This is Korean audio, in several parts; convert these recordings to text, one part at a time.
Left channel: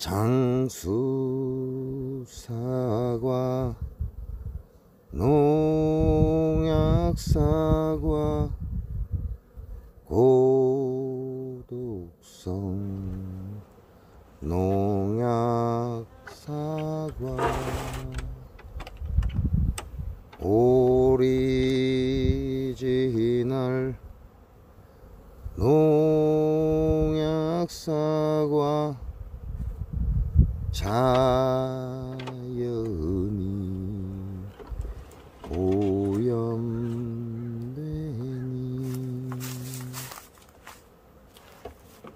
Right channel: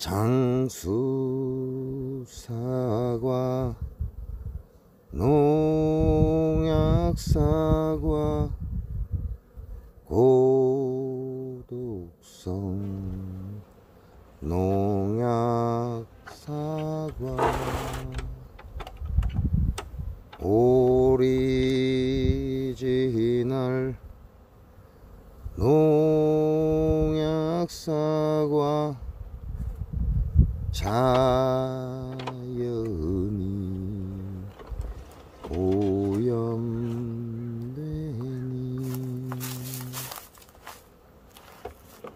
장수, 사과, 농약, 사과, 고독성, 농약, 사과, 오리지널, 농약, 사과, 자연이 오염되니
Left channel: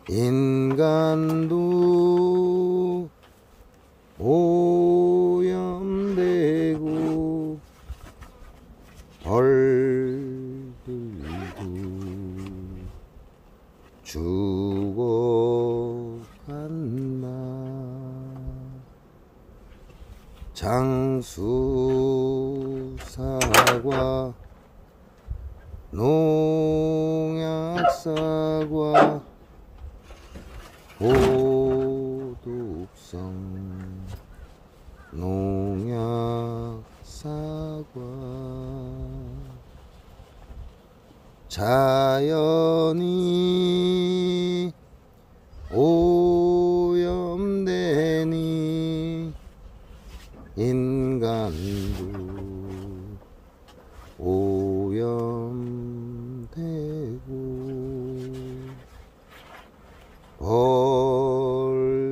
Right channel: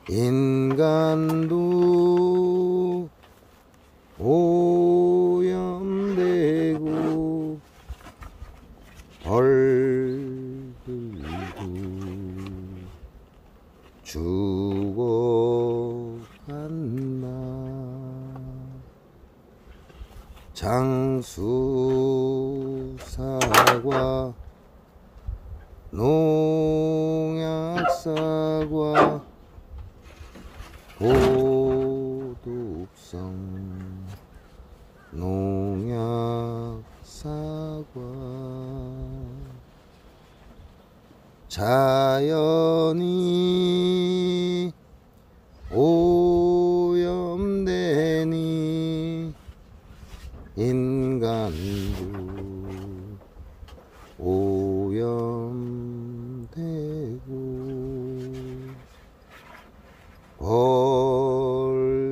인간도 오염되고 벌들도 죽어간다. 장수, 사과, 농약, 사과, 고독성, 농약, 사과, 자연이 오염되니 인간도 오염되고 벌들도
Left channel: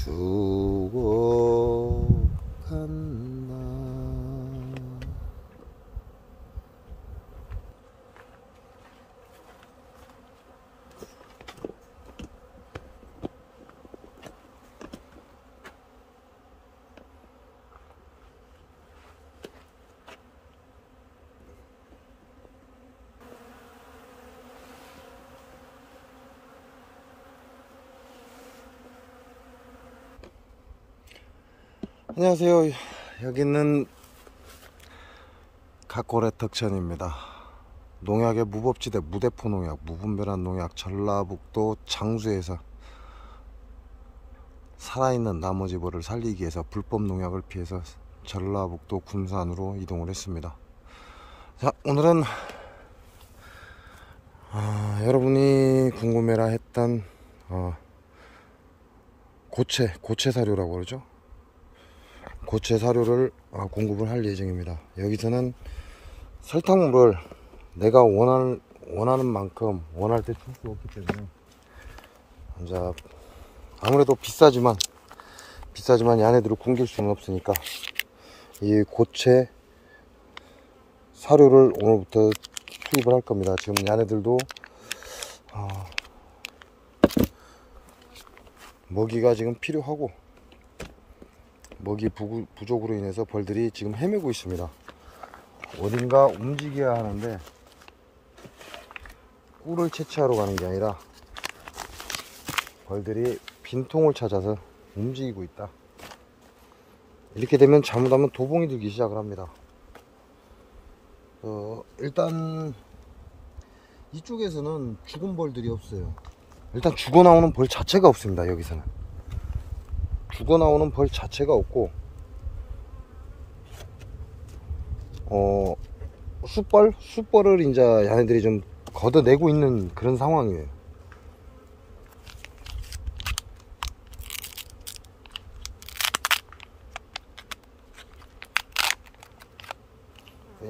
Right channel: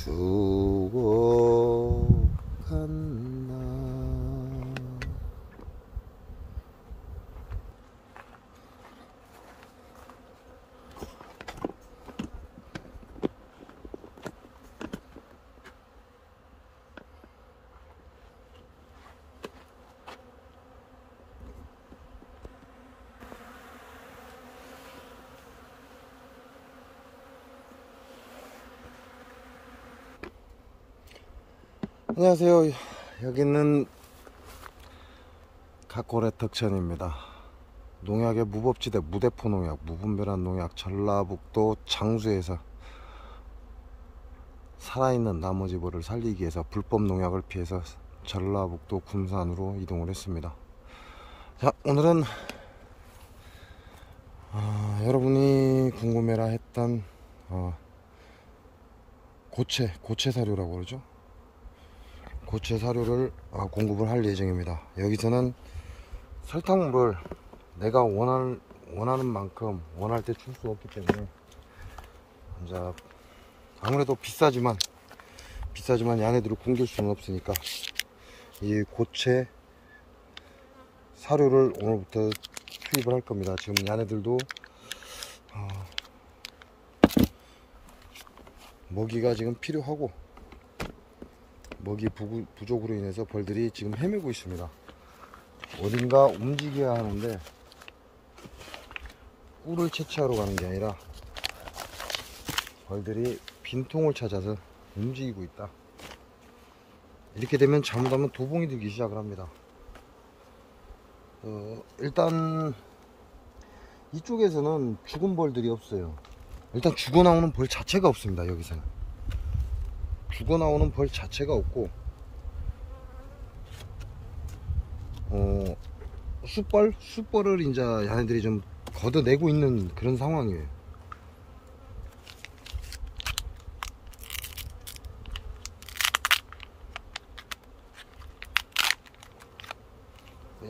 죽어간다. 안녕하세요. 여기는 각고래 덕천입니다. 농약의 무법지대 무대포 농약, 무분별한 농약, 전라북도 장수에서 살아있는 나머지벌을 살리기 위해서 불법 농약을 피해서 전라북도 군산으로 이동을 했습니다. 자, 오늘은 여러분이 궁금해라 했던 고체 사료라고 그러죠. 고체 사료를 공급을 할 예정입니다. 여기서는 설탕물을 내가 원하는 만큼 원할 때 줄 수 없기 때문에 이제 아무래도 비싸지만 얘네들을 굶길 수는 없으니까 이 고체 사료를 오늘부터 투입을 할 겁니다. 지금 얘네들도 먹이가 지금 필요하고 먹이 부족으로 인해서 벌들이 지금 헤매고 있습니다. 어딘가 움직여야 하는데 꿀을 채취하러 가는 게 아니라 벌들이 빈통을 찾아서 움직이고 있다. 이렇게 되면 잘못하면 도봉이 들기 시작을 합니다. 일단 이쪽에서는 죽은 벌들이 없어요. 일단 죽어 나오는 벌 자체가 없습니다. 여기서는 죽어 나오는 벌 자체가 없고 숯벌을 이제 얘네들이 좀 걷어내고 있는 그런 상황이에요.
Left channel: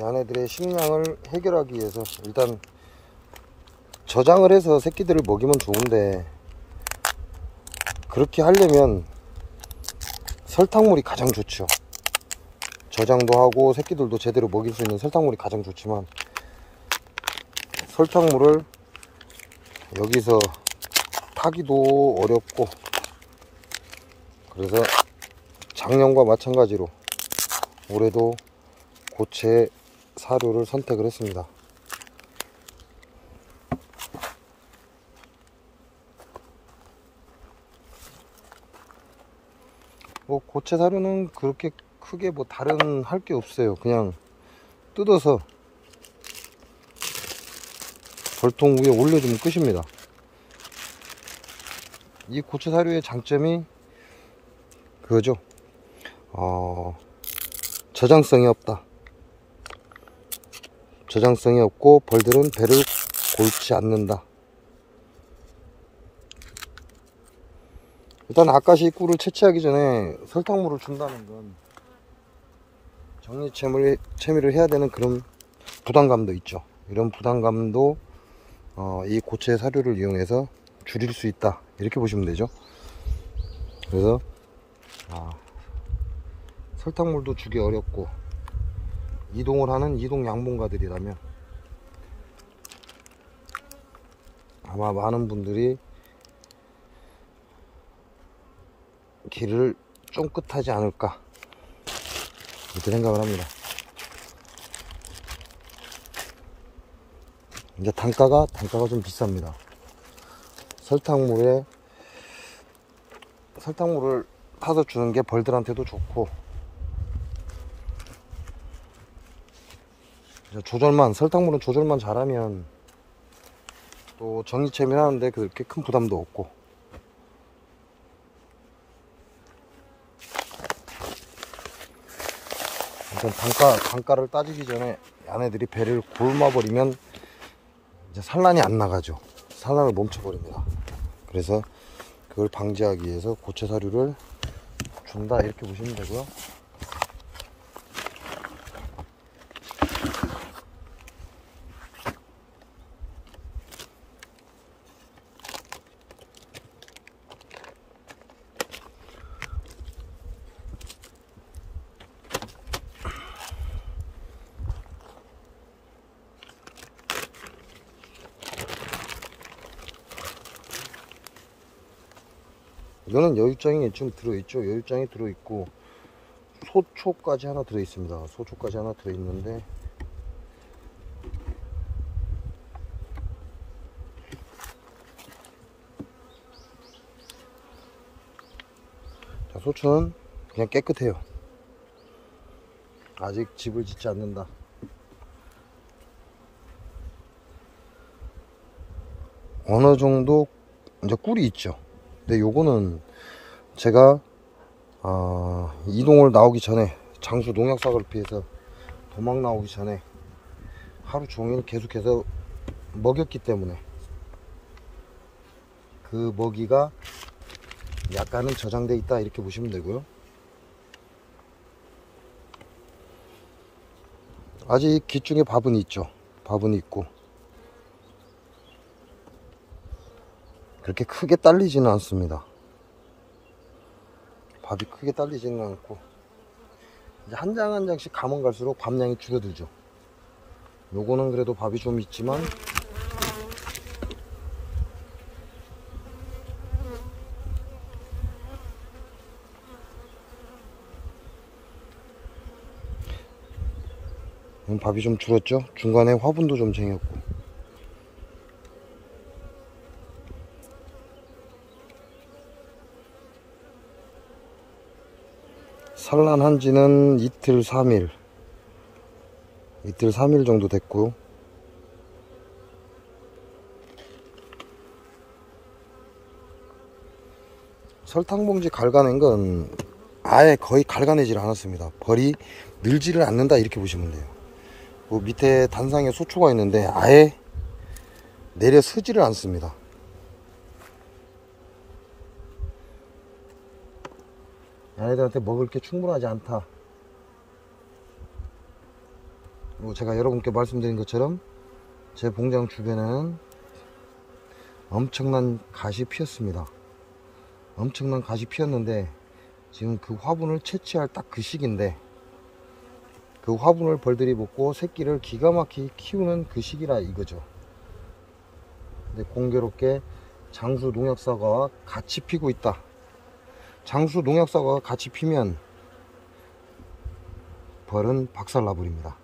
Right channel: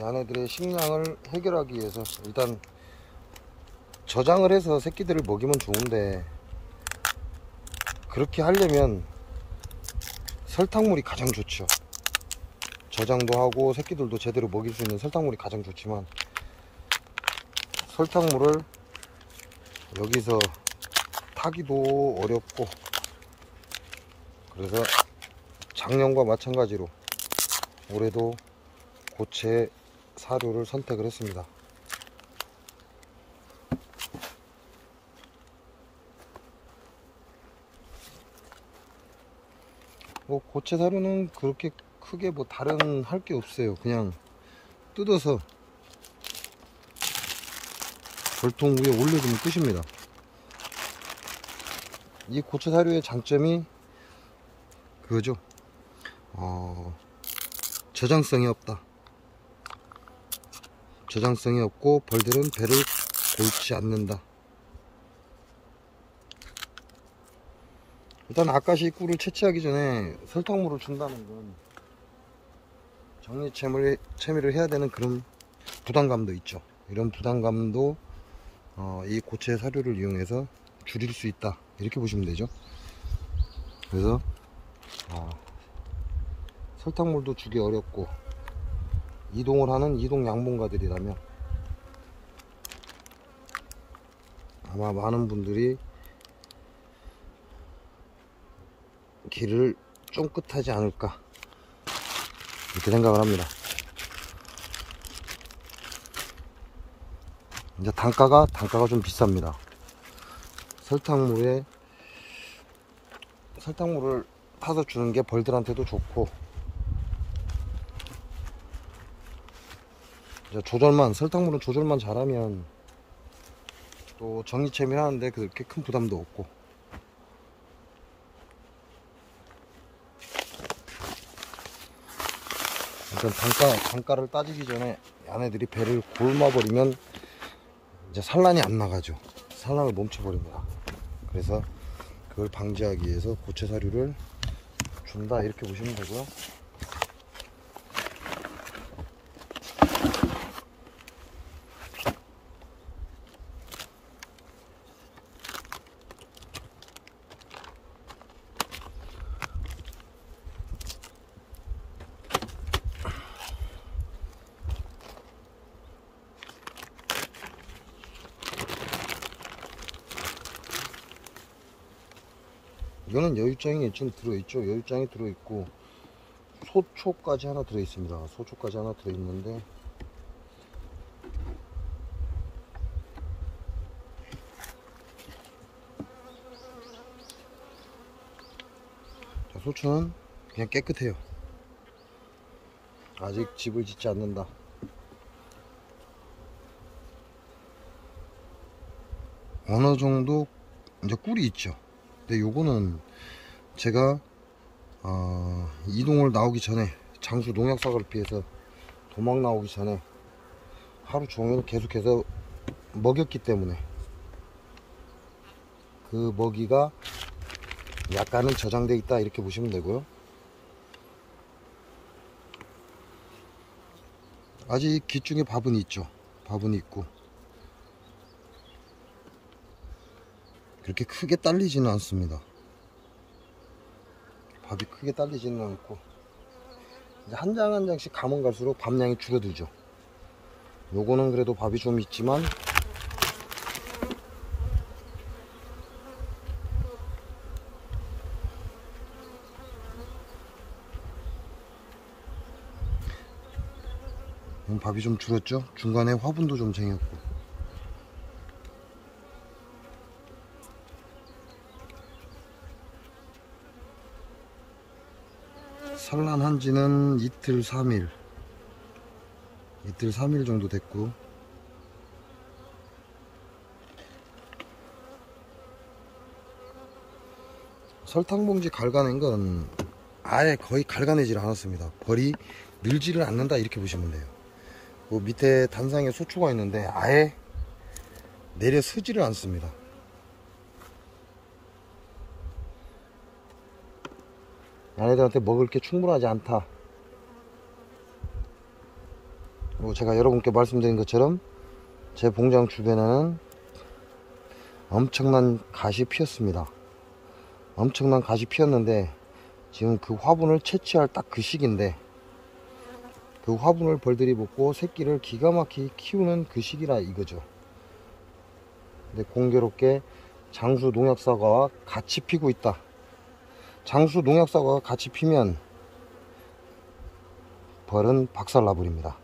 얘네들의 식량을 해결하기 위해서 일단 저장을 해서 새끼들을 먹이면 좋은데 그렇게 하려면 설탕물이 가장 좋죠. 저장도 하고 새끼들도 제대로 먹일 수 있는 설탕물이 가장 좋지만 설탕물을 여기서 타기도 어렵고 그래서 작년과 마찬가지로 올해도 고체 사료를 선택을 했습니다. 고체 사료는 그렇게 크게 다른 할 게 없어요. 그냥 뜯어서 벌통 위에 올려주면 끝입니다. 이 고체 사료의 장점이 그거죠. 저장성이 없다. 저장성이 없고 벌들은 배를 골지 않는다. 일단 아까시 꿀을 채취하기 전에 설탕물을 준다는 건 정리체미를 해야 되는 그런 부담감도 있죠. 이런 부담감도 이 고체 사료를 이용해서 줄일 수 있다, 이렇게 보시면 되죠. 그래서 설탕물도 주기 어렵고 이동을 하는 이동 양봉가들이라면 아마 많은 분들이 길을 쫑긋하지 않을까, 이렇게 생각을 합니다. 이제 단가가 좀 비쌉니다. 설탕물을 타서 주는 게 벌들한테도 좋고, 이제 설탕물은 조절만 잘하면 또 정리체미를 하는데 그렇게 큰 부담도 없고, 일단 단가를 따지기 전에 얘네들이 배를 굶어버리면 이제 산란이 안 나가죠. 산란을 멈춰버립니다. 그래서 그걸 방지하기 위해서 고체 사료를 준다, 이렇게 보시면 되고요. 이거는 여유장이 좀 들어있죠. 여유장이 들어있고 소초까지 하나 들어있습니다. 소초까지 하나 들어있는데, 자, 소초는 그냥 깨끗해요. 아직 집을 짓지 않는다. 어느 정도 이제 꿀이 있죠. 근데 요거는 제가 이동을 나오기 전에, 장수 농약사고를 피해서 도망 나오기 전에 하루 종일 계속해서 먹였기 때문에 그 먹이가 약간은 저장돼 있다, 이렇게 보시면 되고요. 아직 기중에 밥은 있죠. 밥은 있고 그렇게 크게 딸리지는 않습니다. 밥이 크게 딸리지는 않고, 이제 한 장 한 장씩 가면 갈수록 밥량이 줄어들죠. 요거는 그래도 밥이 좀 있지만 밥이 좀 줄었죠. 중간에 화분도 좀 쟁였고. 산란한 지는 이틀 3일 정도 됐고, 설탕봉지 갈가낸 건 아예 거의 갈가내질 않았습니다. 벌이 늘지를 않는다, 이렇게 보시면 돼요. 그 밑에 단상에 소초가 있는데 아예 내려 서지를 않습니다. 얘네들한테 먹을 게 충분하지 않다. 그리고 제가 여러분께 말씀드린 것처럼 제 봉장 주변에는 엄청난 갓이 피었습니다. 엄청난 갓이 피었는데 지금 그 화분을 채취할 딱 그 시기인데, 그 화분을 벌들이 먹고 새끼를 기가 막히게 키우는 그 시기라 이거죠. 근데 공교롭게 장수 농약사과와 같이 피고 있다. 장수 농약사과가 같이 피면 벌은 박살나버립니다.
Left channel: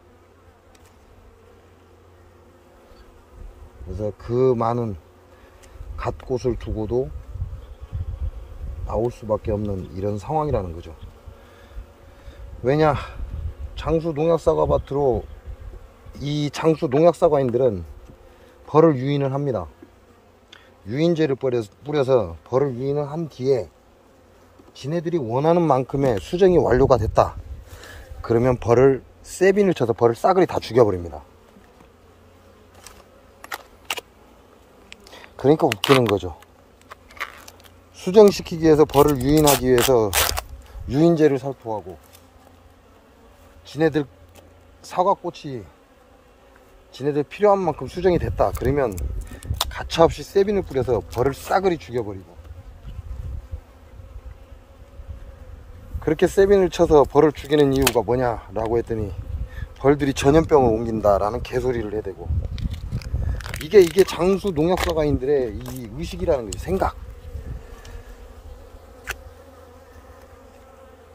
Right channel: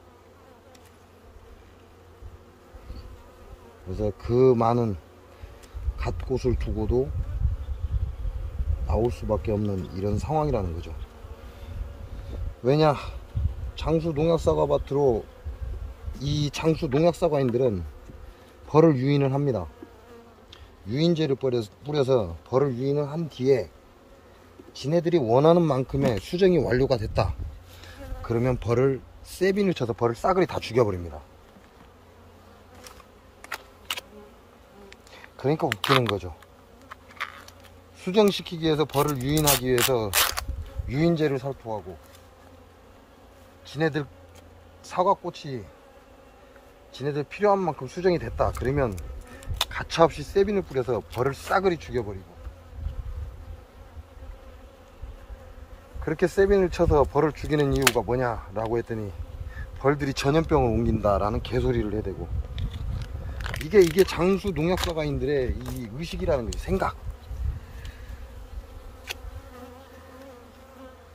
그래서 그 많은 갓꽃을 두고도 나올 수밖에 없는 이런 상황이라는 거죠. 왜냐, 장수 농약사과 밭으로 이 장수 농약사과인들은 벌을 유인을 합니다. 유인제를 뿌려서 벌을 유인을 한 뒤에 지네들이 원하는 만큼의 수정이 완료가 됐다. 그러면 벌을 세빈을 쳐서 벌을 싸그리 다 죽여버립니다. 그러니까 웃기는 거죠. 수정시키기 위해서 벌을 유인하기 위해서 유인제를 살포하고, 지네들 사과꽃이 지네들 필요한 만큼 수정이 됐다. 그러면 가차없이 세빈을 뿌려서 벌을 싸그리 죽여버리고, 그렇게 세빈을 쳐서 벌을 죽이는 이유가 뭐냐 라고 했더니 벌들이 전염병을 옮긴다 라는 개소리를 해대고, 이게 장수 농약사가인들의 이 의식이라는 거지. 생각.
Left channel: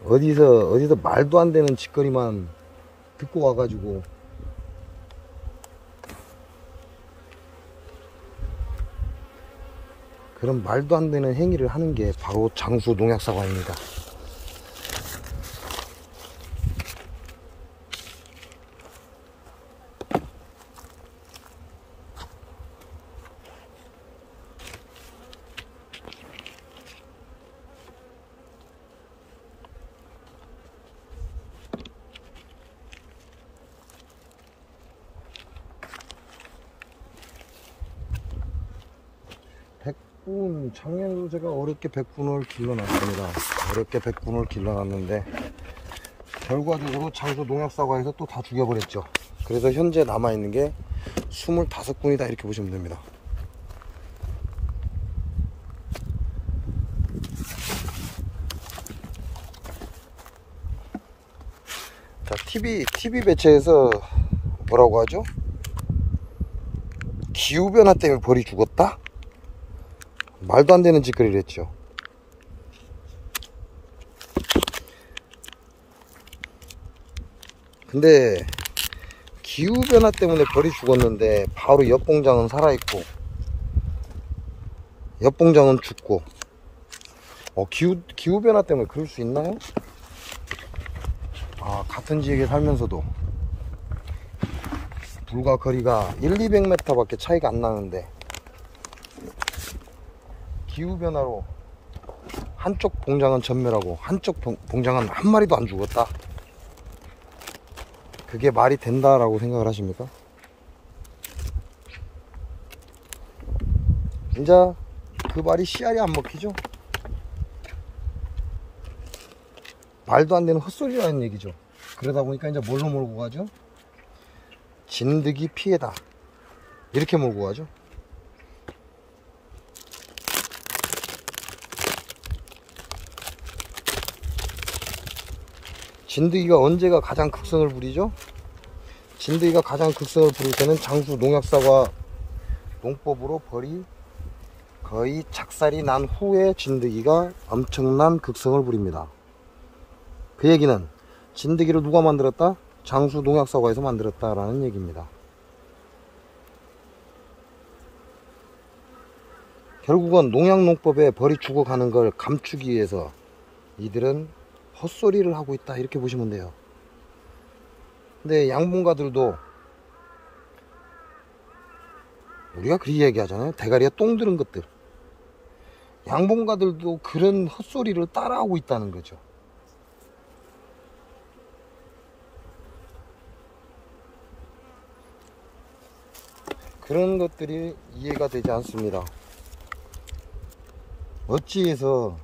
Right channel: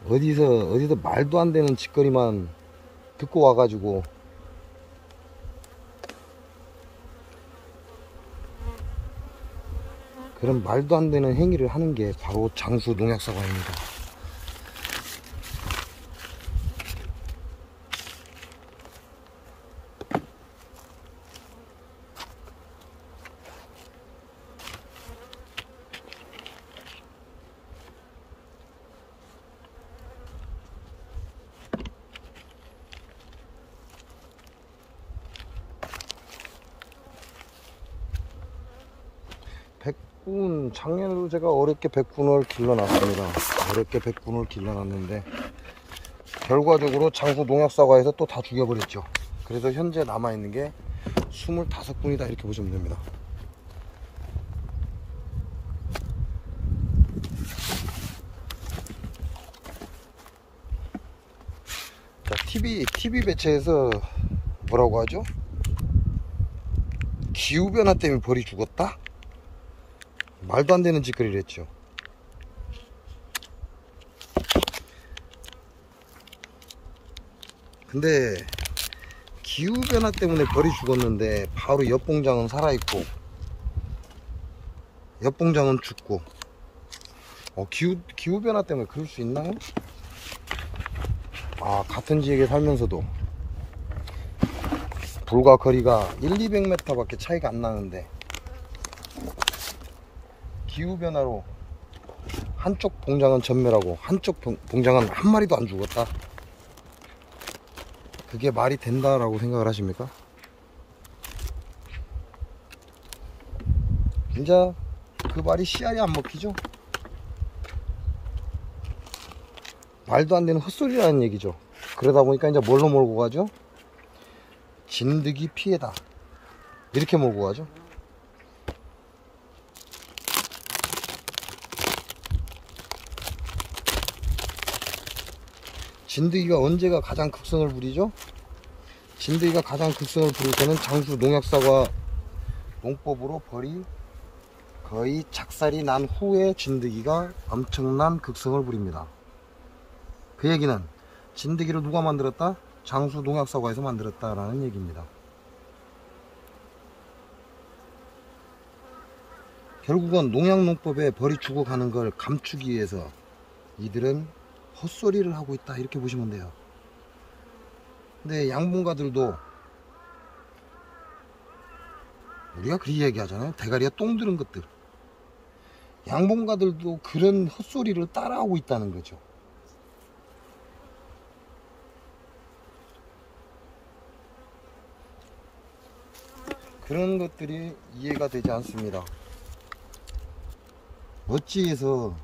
어디서 말도 안 되는 짓거리만 듣고 와가지고 그런 말도 안 되는 행위를 하는 게 바로 장수 농약사과입니다. 백군, 작년에도 제가 어렵게 백군을 길러놨습니다. 어렵게 백군을 길러놨는데 결과적으로 장수 농약사과에서 또 다 죽여버렸죠. 그래서 현재 남아있는 게 25군이다 이렇게 보시면 됩니다. 자, TV 매체에서 뭐라고 하죠? 기후변화 때문에 벌이 죽었다? 말도 안 되는 짓거리를 했죠. 근데 기후변화 때문에 벌이 죽었는데 바로 엿봉장은 살아있고 엿봉장은 죽고, 기후변화 때문에 그럴 수 있나요? 같은 지역에 살면서도 불과 거리가 1-200m 밖에 차이가 안 나는데 기후변화로 한쪽 봉장은 전멸하고 한쪽 봉장은 한 마리도 안 죽었다. 그게 말이 된다라고 생각을 하십니까? 진짜 그 말이 씨알이 안 먹히죠? 말도 안 되는 헛소리라는 얘기죠. 그러다 보니까 이제 뭘로 몰고 가죠? 진드기 피해다 이렇게 몰고 가죠. 진드기가 언제가 가장 극성을 부리죠? 진드기가 가장 극성을 부릴 때는 장수 농약사과 농법으로 벌이 거의 작살이 난 후에 진드기가 엄청난 극성을 부립니다. 그 얘기는 진드기를 누가 만들었다? 장수 농약사과에서 만들었다라는 얘기입니다. 결국은 농약농법에 벌이 죽어가는 걸 감추기 위해서 이들은 헛소리를 하고 있다 이렇게 보시면 돼요. 근데 양봉가들도 우리가 그렇게 얘기하잖아요. 대가리에 똥 들은 것들. 양봉가들도 그런 헛소리를 따라하고 있다는 거죠. 그런 것들이 이해가 되지 않습니다. 어찌해서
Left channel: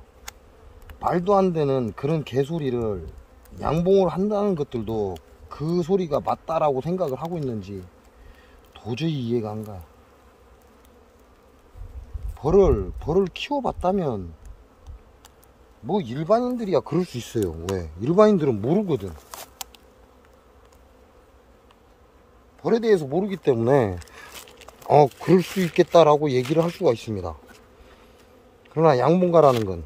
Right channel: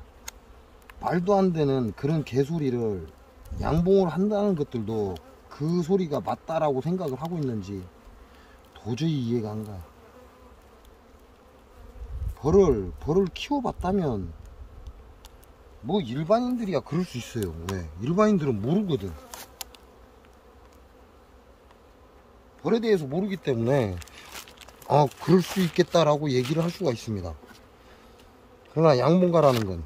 말도 안 되는 그런 개소리를 양봉을 한다는 것들도 그 소리가 맞다라고 생각을 하고 있는지 도저히 이해가 안 가. 벌을 키워봤다면 뭐 일반인들이야 그럴 수 있어요. 왜? 일반인들은 모르거든. 벌에 대해서 모르기 때문에 그럴 수 있겠다라고 얘기를 할 수가 있습니다. 그러나 양봉가라는 건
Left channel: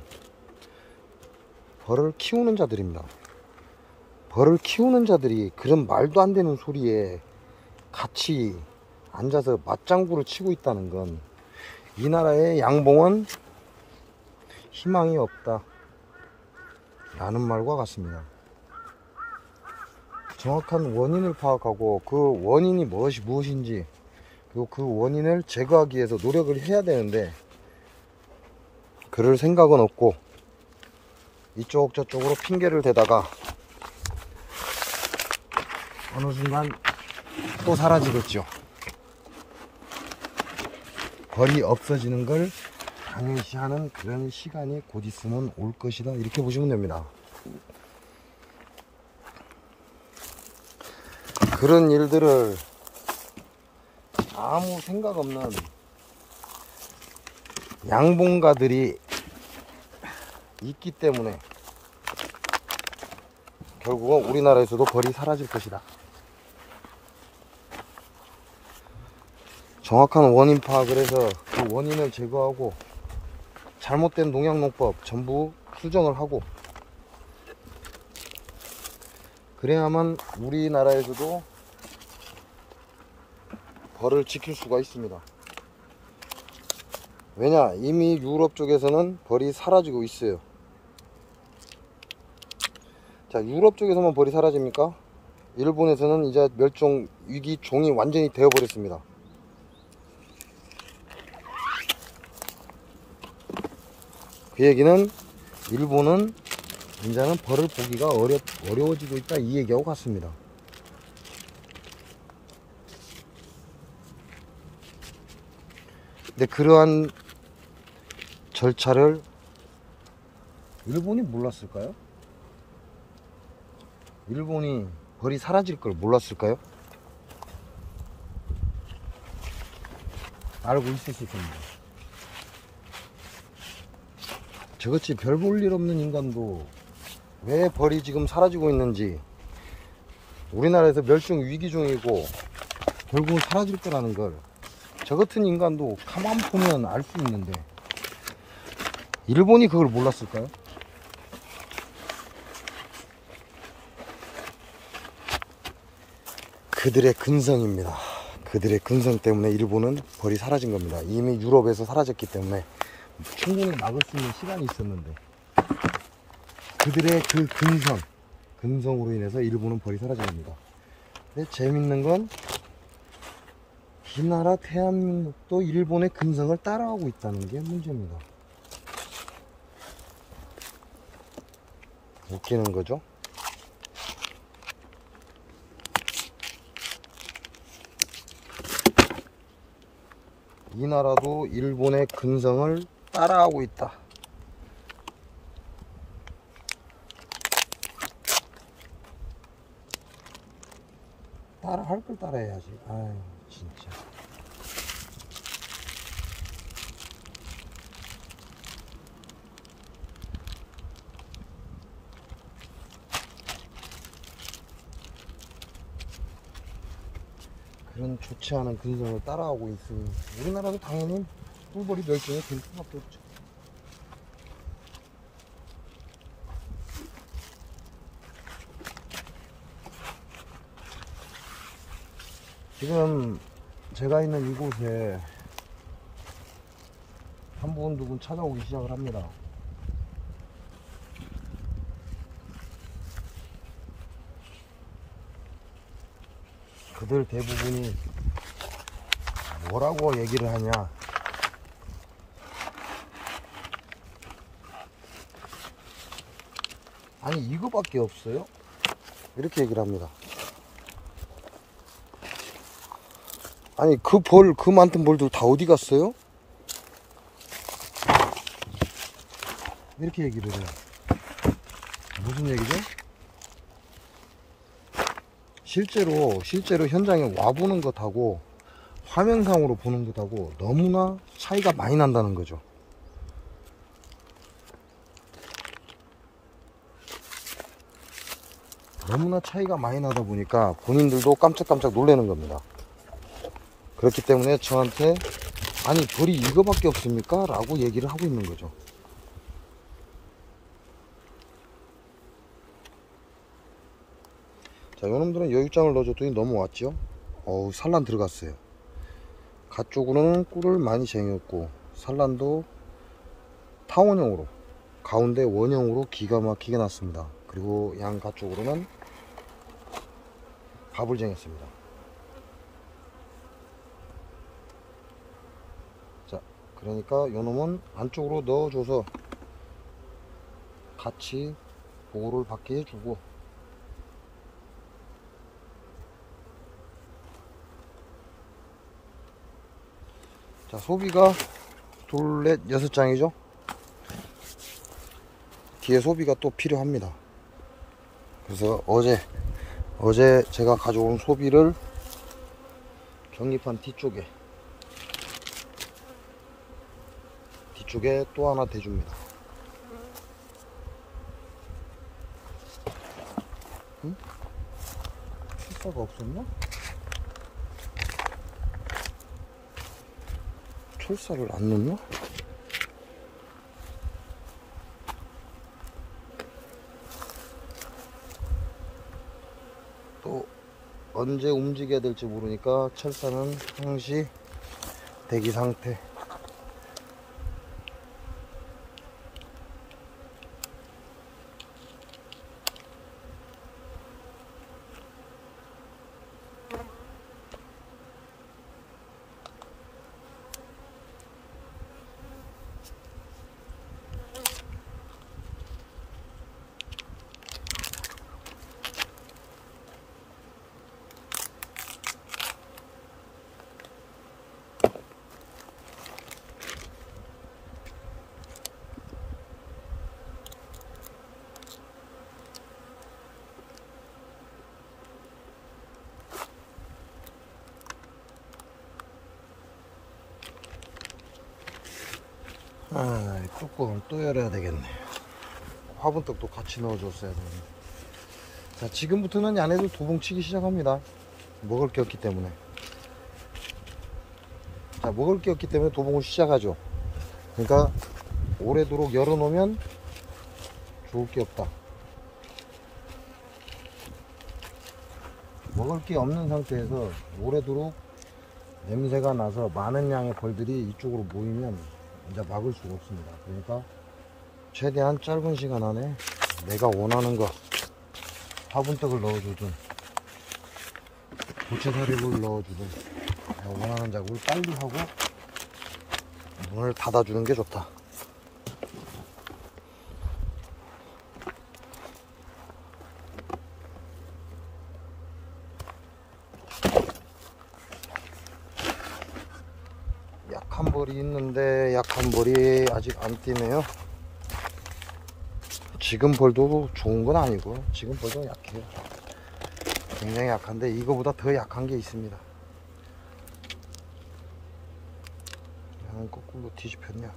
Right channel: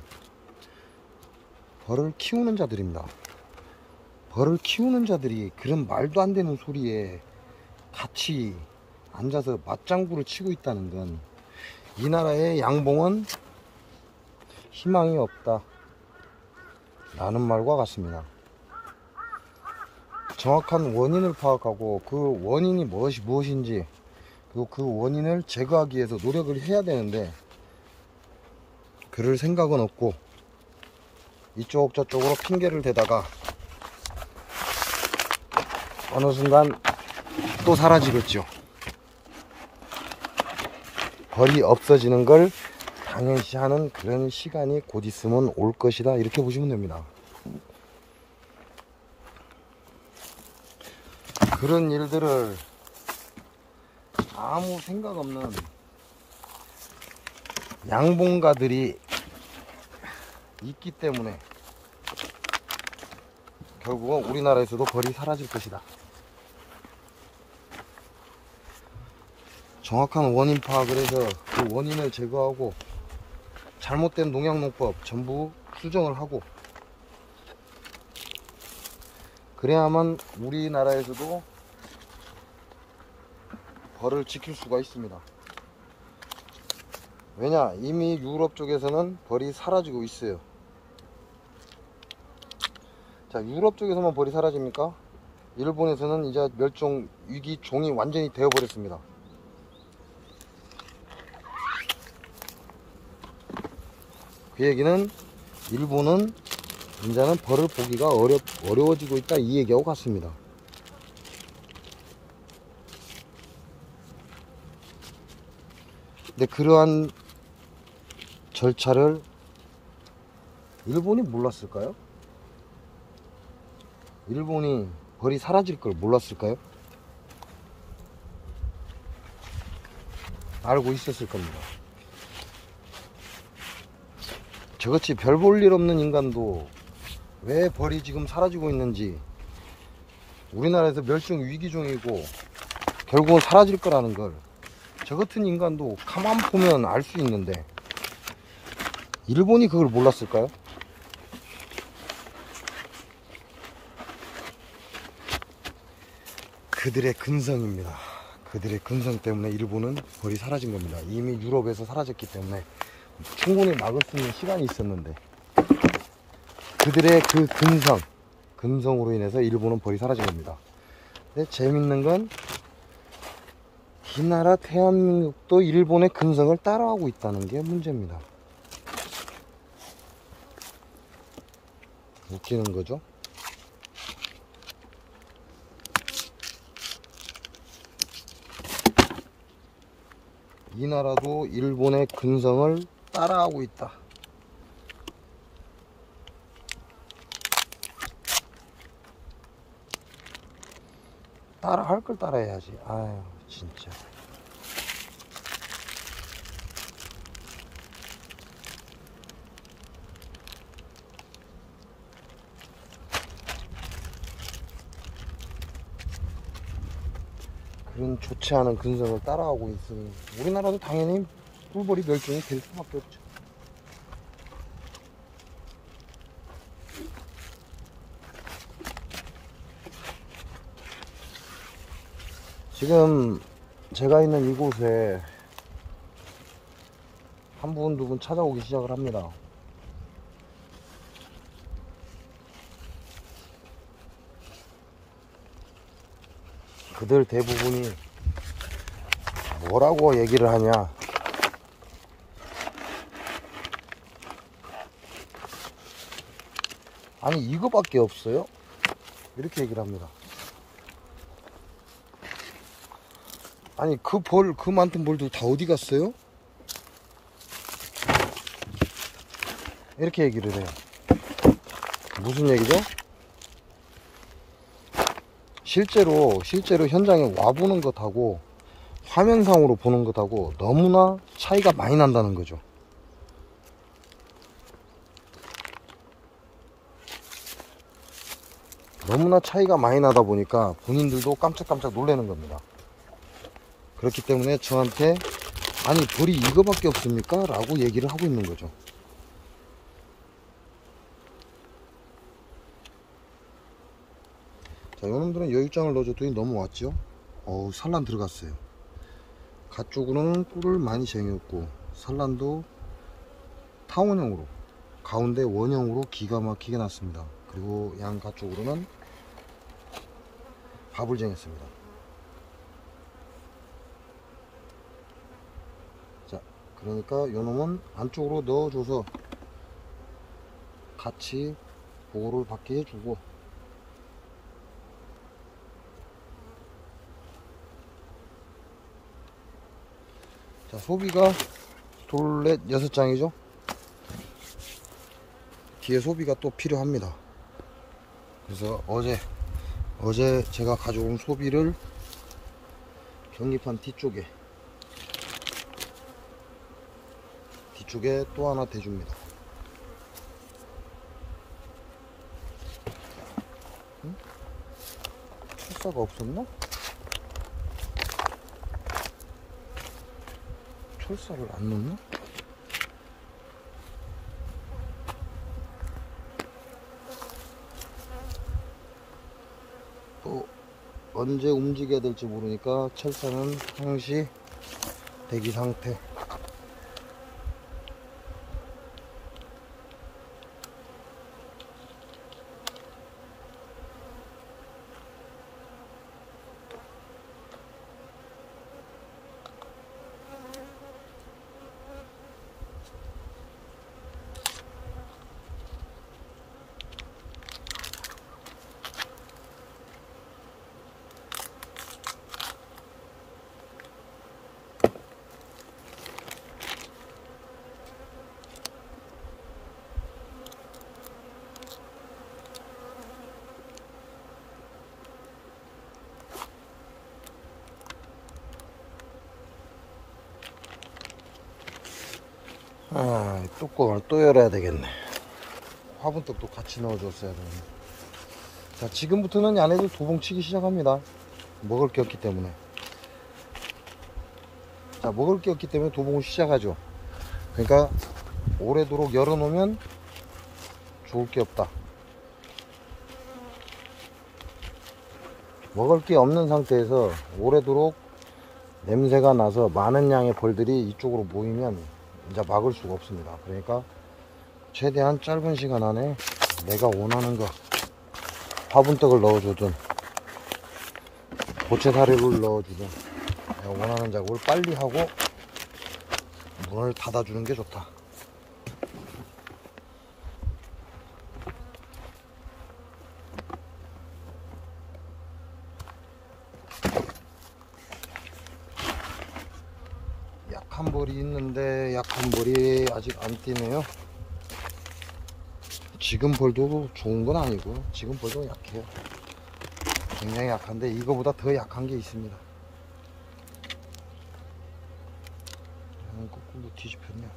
벌을 키우는 자들입니다. 벌을 키우는 자들이 그런 말도 안 되는 소리에 같이 앉아서 맞장구를 치고 있다는 건 이 나라의 양봉은 희망이 없다 라는 말과 같습니다. 정확한 원인을 파악하고 그 원인이 무엇인지, 그리고 그 원인을 제거하기 위해서 노력을 해야 되는데 그럴 생각은 없고 이쪽 저쪽으로 핑계를 대다가 어느 순간 또 사라지겠죠. 벌이 없어지는 걸 당연시하는 그런 시간이 곧 있으면 올 것이다, 이렇게 보시면 됩니다. 그런 일들을 아무 생각 없는 양봉가들이 있기 때문에 결국은 우리나라에서도 벌이 사라질 것이다. 정확한 원인 파악을 해서 그 원인을 제거하고 잘못된 농약농법 전부 수정을 하고 그래야만 우리나라에서도 벌을 지킬 수가 있습니다. 왜냐, 이미 유럽 쪽에서는 벌이 사라지고 있어요. 자, 유럽 쪽에서만 벌이 사라집니까? 일본에서는 이제 멸종 위기 종이 완전히 되어버렸습니다. 그 얘기는 일본은 이제는 벌을 보기가 어려워지고 있다, 이 얘기하고 같습니다. 근데 그러한 절차를 일본이 몰랐을까요? 일본이 벌이 사라질 걸 몰랐을까요? 알고 있었을 겁니다. 저같이 별 볼 일 없는 인간도 왜 벌이 지금 사라지고 있는지, 우리나라에서 멸종 위기종이고 결국은 사라질 거라는 걸 저 같은 인간도 가만 보면 알 수 있는데 일본이 그걸 몰랐을까요? 그들의 근성입니다. 그들의 근성 때문에 일본은 벌이 사라진 겁니다. 이미 유럽에서 사라졌기 때문에 충분히 막을 수 있는 시간이 있었는데 그들의 그 근성으로 인해서 일본은 벌이 사라진 겁니다. 근데 재밌는 건 이 나라 대한민국도 일본의 근성을 따라하고 있다는 게 문제입니다. 웃기는 거죠. 이 나라도 일본의 근성을 따라하고 있다. 따라할 걸 따라해야지. 아유, 진짜. 그런 좋지 않은 근성을 따라하고 있으니 우리나라도 당연히 꿀벌이 멸종이 될 수밖에 없죠. 지금 제가 있는 이곳에 한 분, 두 분 찾아오기 시작을 합니다. 그들 대부분이 뭐라고 얘기를 하냐, 아니 이거밖에 없어요? 이렇게 얘기를 합니다. 아니 그 많던 벌도 다 어디 갔어요? 이렇게 얘기를 해요. 무슨 얘기죠? 실제로 현장에 와보는 것하고 화면상으로 보는 것하고 너무나 차이가 많이 난다는 거죠. 너무나 차이가 많이 나다 보니까 본인들도 깜짝깜짝 놀라는 겁니다. 그렇기 때문에 저한테 아니 벌이 이거밖에 없습니까? 라고 얘기를 하고 있는 거죠. 자, 요놈들은 여육장을 넣어줬더니 넘어왔죠. 어우, 산란 들어갔어요. 가 쪽으로는 꿀을 많이 쟁였고 산란도 타원형으로 가운데 원형으로 기가 막히게 났습니다. 그리고 양가 쪽으로는 밥을 쟁였습니다. 자, 그러니까 요놈은 안쪽으로 넣어줘서 같이 보호를 받게 해주고, 자, 소비가 둘, 넷, 6장이죠. 뒤에 소비가 또 필요합니다. 그래서 어제 제가 가져온 소비를 경립판 뒤쪽에 또 하나 대줍니다. 응? 철사가 없었나? 철사를 안 넣나? 또 언제 움직여야 될지 모르니까 철사는 항시 대기 상태. 아, 뚜껑을 또 열어야 되겠네. 화분떡도 같이 넣어줬어야 되는데. 자, 지금부터는 얘네들 도봉치기 시작합니다. 먹을 게 없기 때문에. 자, 먹을 게 없기 때문에 도봉을 시작하죠. 그러니까 오래도록 열어놓으면 좋을 게 없다. 먹을 게 없는 상태에서 오래도록 냄새가 나서 많은 양의 벌들이 이쪽으로 모이면 이제 막을 수가 없습니다. 그러니까 최대한 짧은 시간 안에 내가 원하는 거, 화분떡을 넣어주든 고체사료를 넣어주든 내가 원하는 작업을 빨리 하고 문을 닫아주는 게 좋다. 약한 벌이 있는데 약한 벌이 아직 안 뛰네요. 지금 벌도 좋은 건 아니고 지금 벌도 약해요. 굉장히 약한데 이거보다 더 약한 게 있습니다. 거꾸로 뒤집혔냐.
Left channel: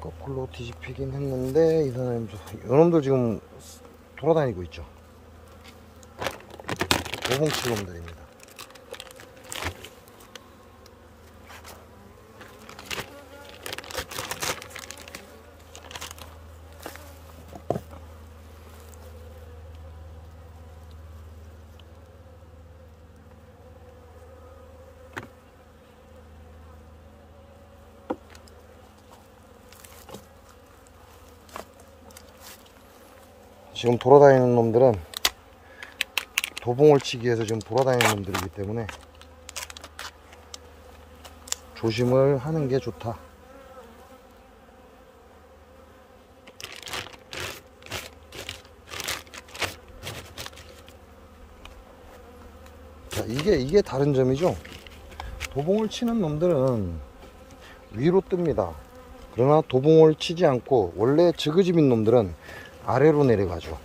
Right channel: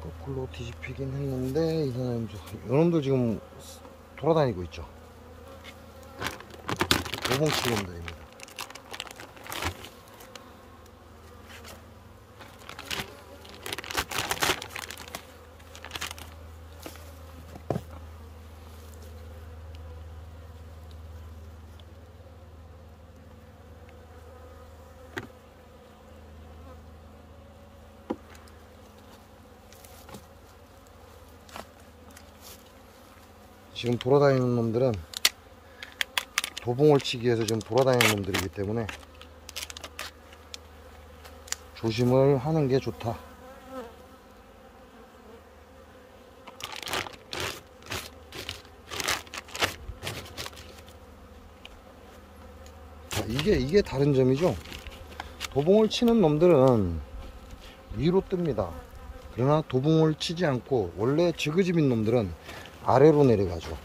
거꾸로 뒤집히긴 했는데 이놈들 지금 돌아다니고 있죠. 도봉치놈들입니다. 지금 돌아다니는 놈들은 도봉을 치기 위해서 지금 돌아다니는 놈들이기 때문에 조심을 하는 게 좋다. 자, 이게 다른 점이죠. 도봉을 치는 놈들은 위로 뜹니다. 그러나 도봉을 치지 않고 원래 지그집인 놈들은 아래로 내려가죠.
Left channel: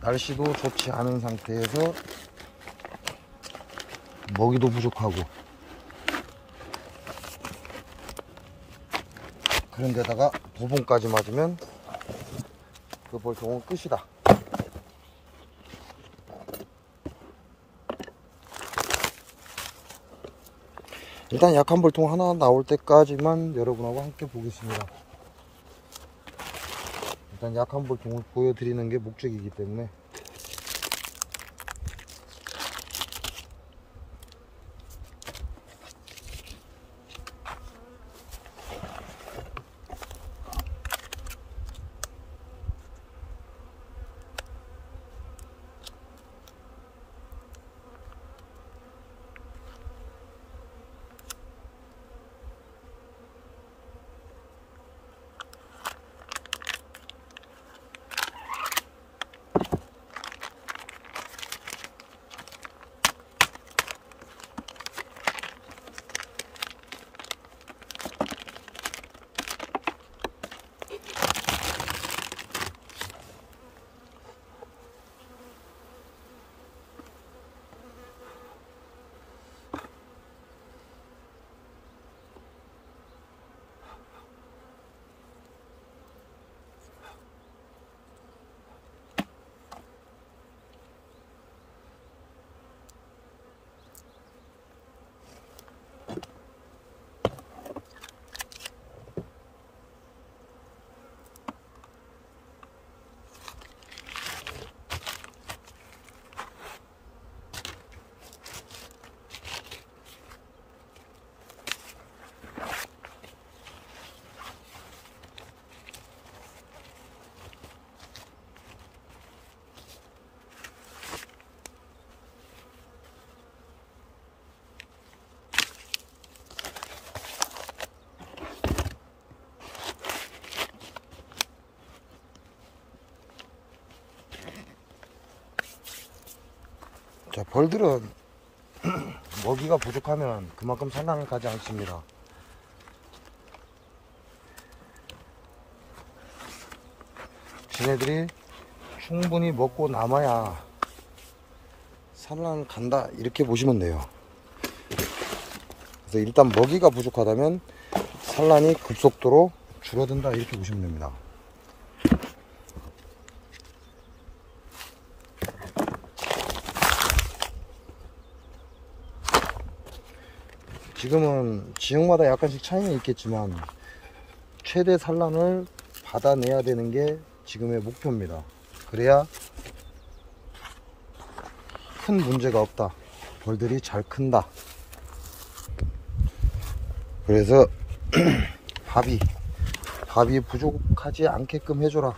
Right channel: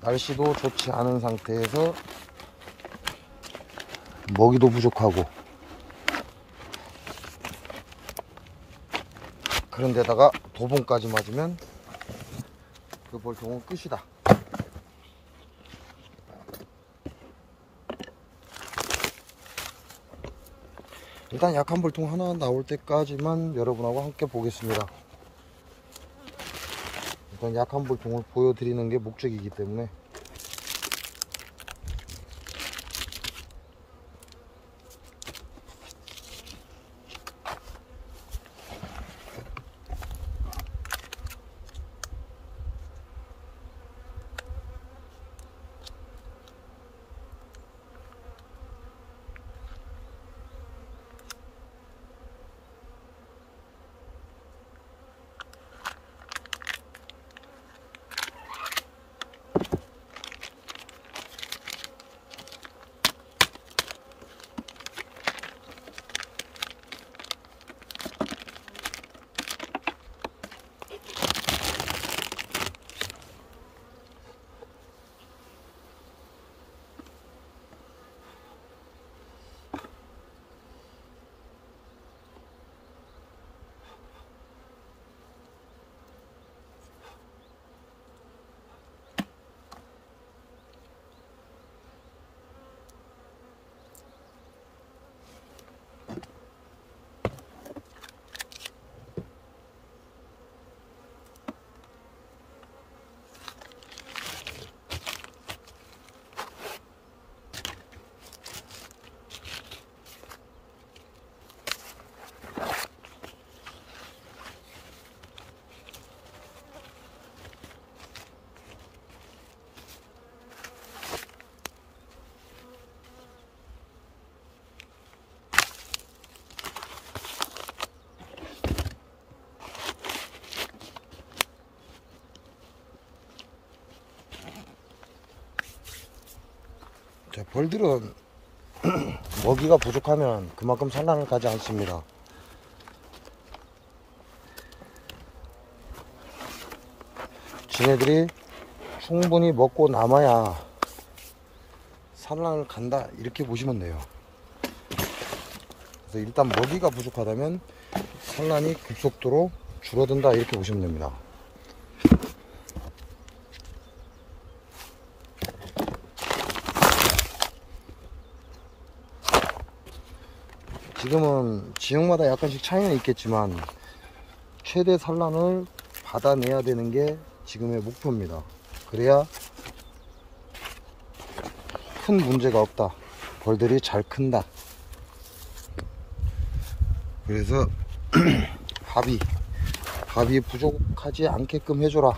날씨도 좋지 않은 상태에서 먹이도 부족하고 그런데다가 도봉까지 맞으면 그 벌통은 끝이다. 일단 약한 벌통 하나 나올 때까지만 여러분하고 함께 보겠습니다. 일단 약한 벌통을 보여드리는 게 목적이기 때문에. 자, 벌들은 먹이가 부족하면 그만큼 산란을 가지 않습니다. 지네들이 충분히 먹고 남아야 산란을 간다, 이렇게 보시면 돼요. 그래서 일단 먹이가 부족하다면 산란이 급속도로 줄어든다, 이렇게 보시면 됩니다. 지금은 지역마다 약간씩 차이는 있겠지만 최대 산란을 받아내야 되는 게 지금의 목표입니다. 그래야 큰 문제가 없다, 벌들이 잘 큰다. 그래서 밥이 부족하지 않게끔 해줘라.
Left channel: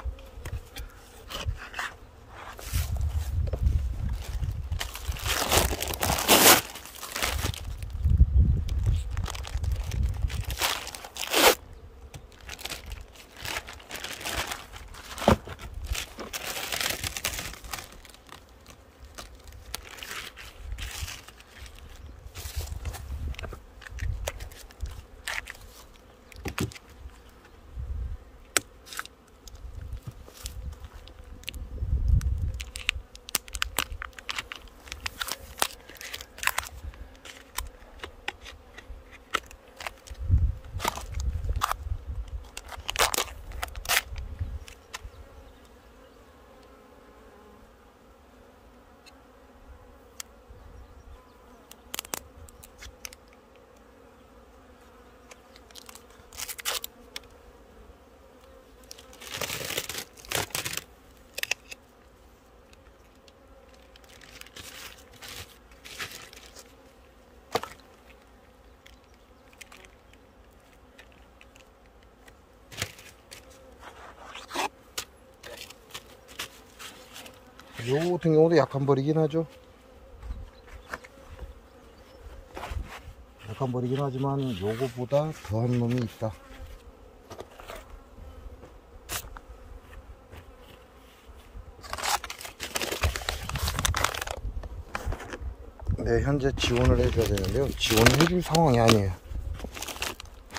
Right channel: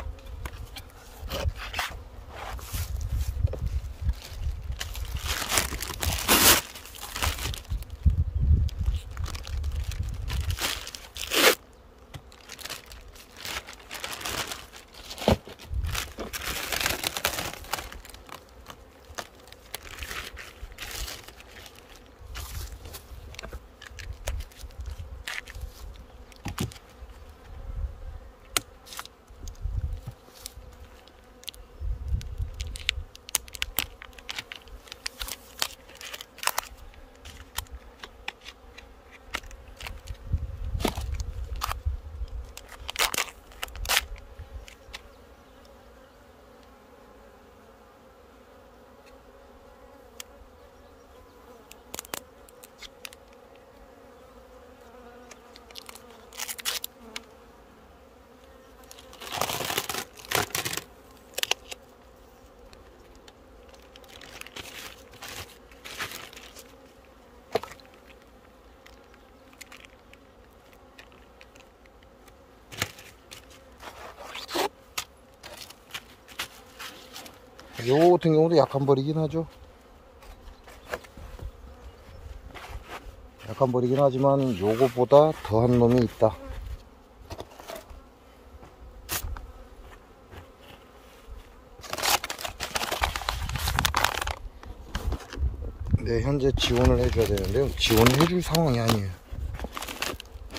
요거 같은 경우도 약한 벌이긴 하죠. 약한 벌이긴 하지만 요거보다 더한 놈이 있다. 네, 현재 지원을 해줘야 되는데요, 지원을 해줄 상황이 아니에요.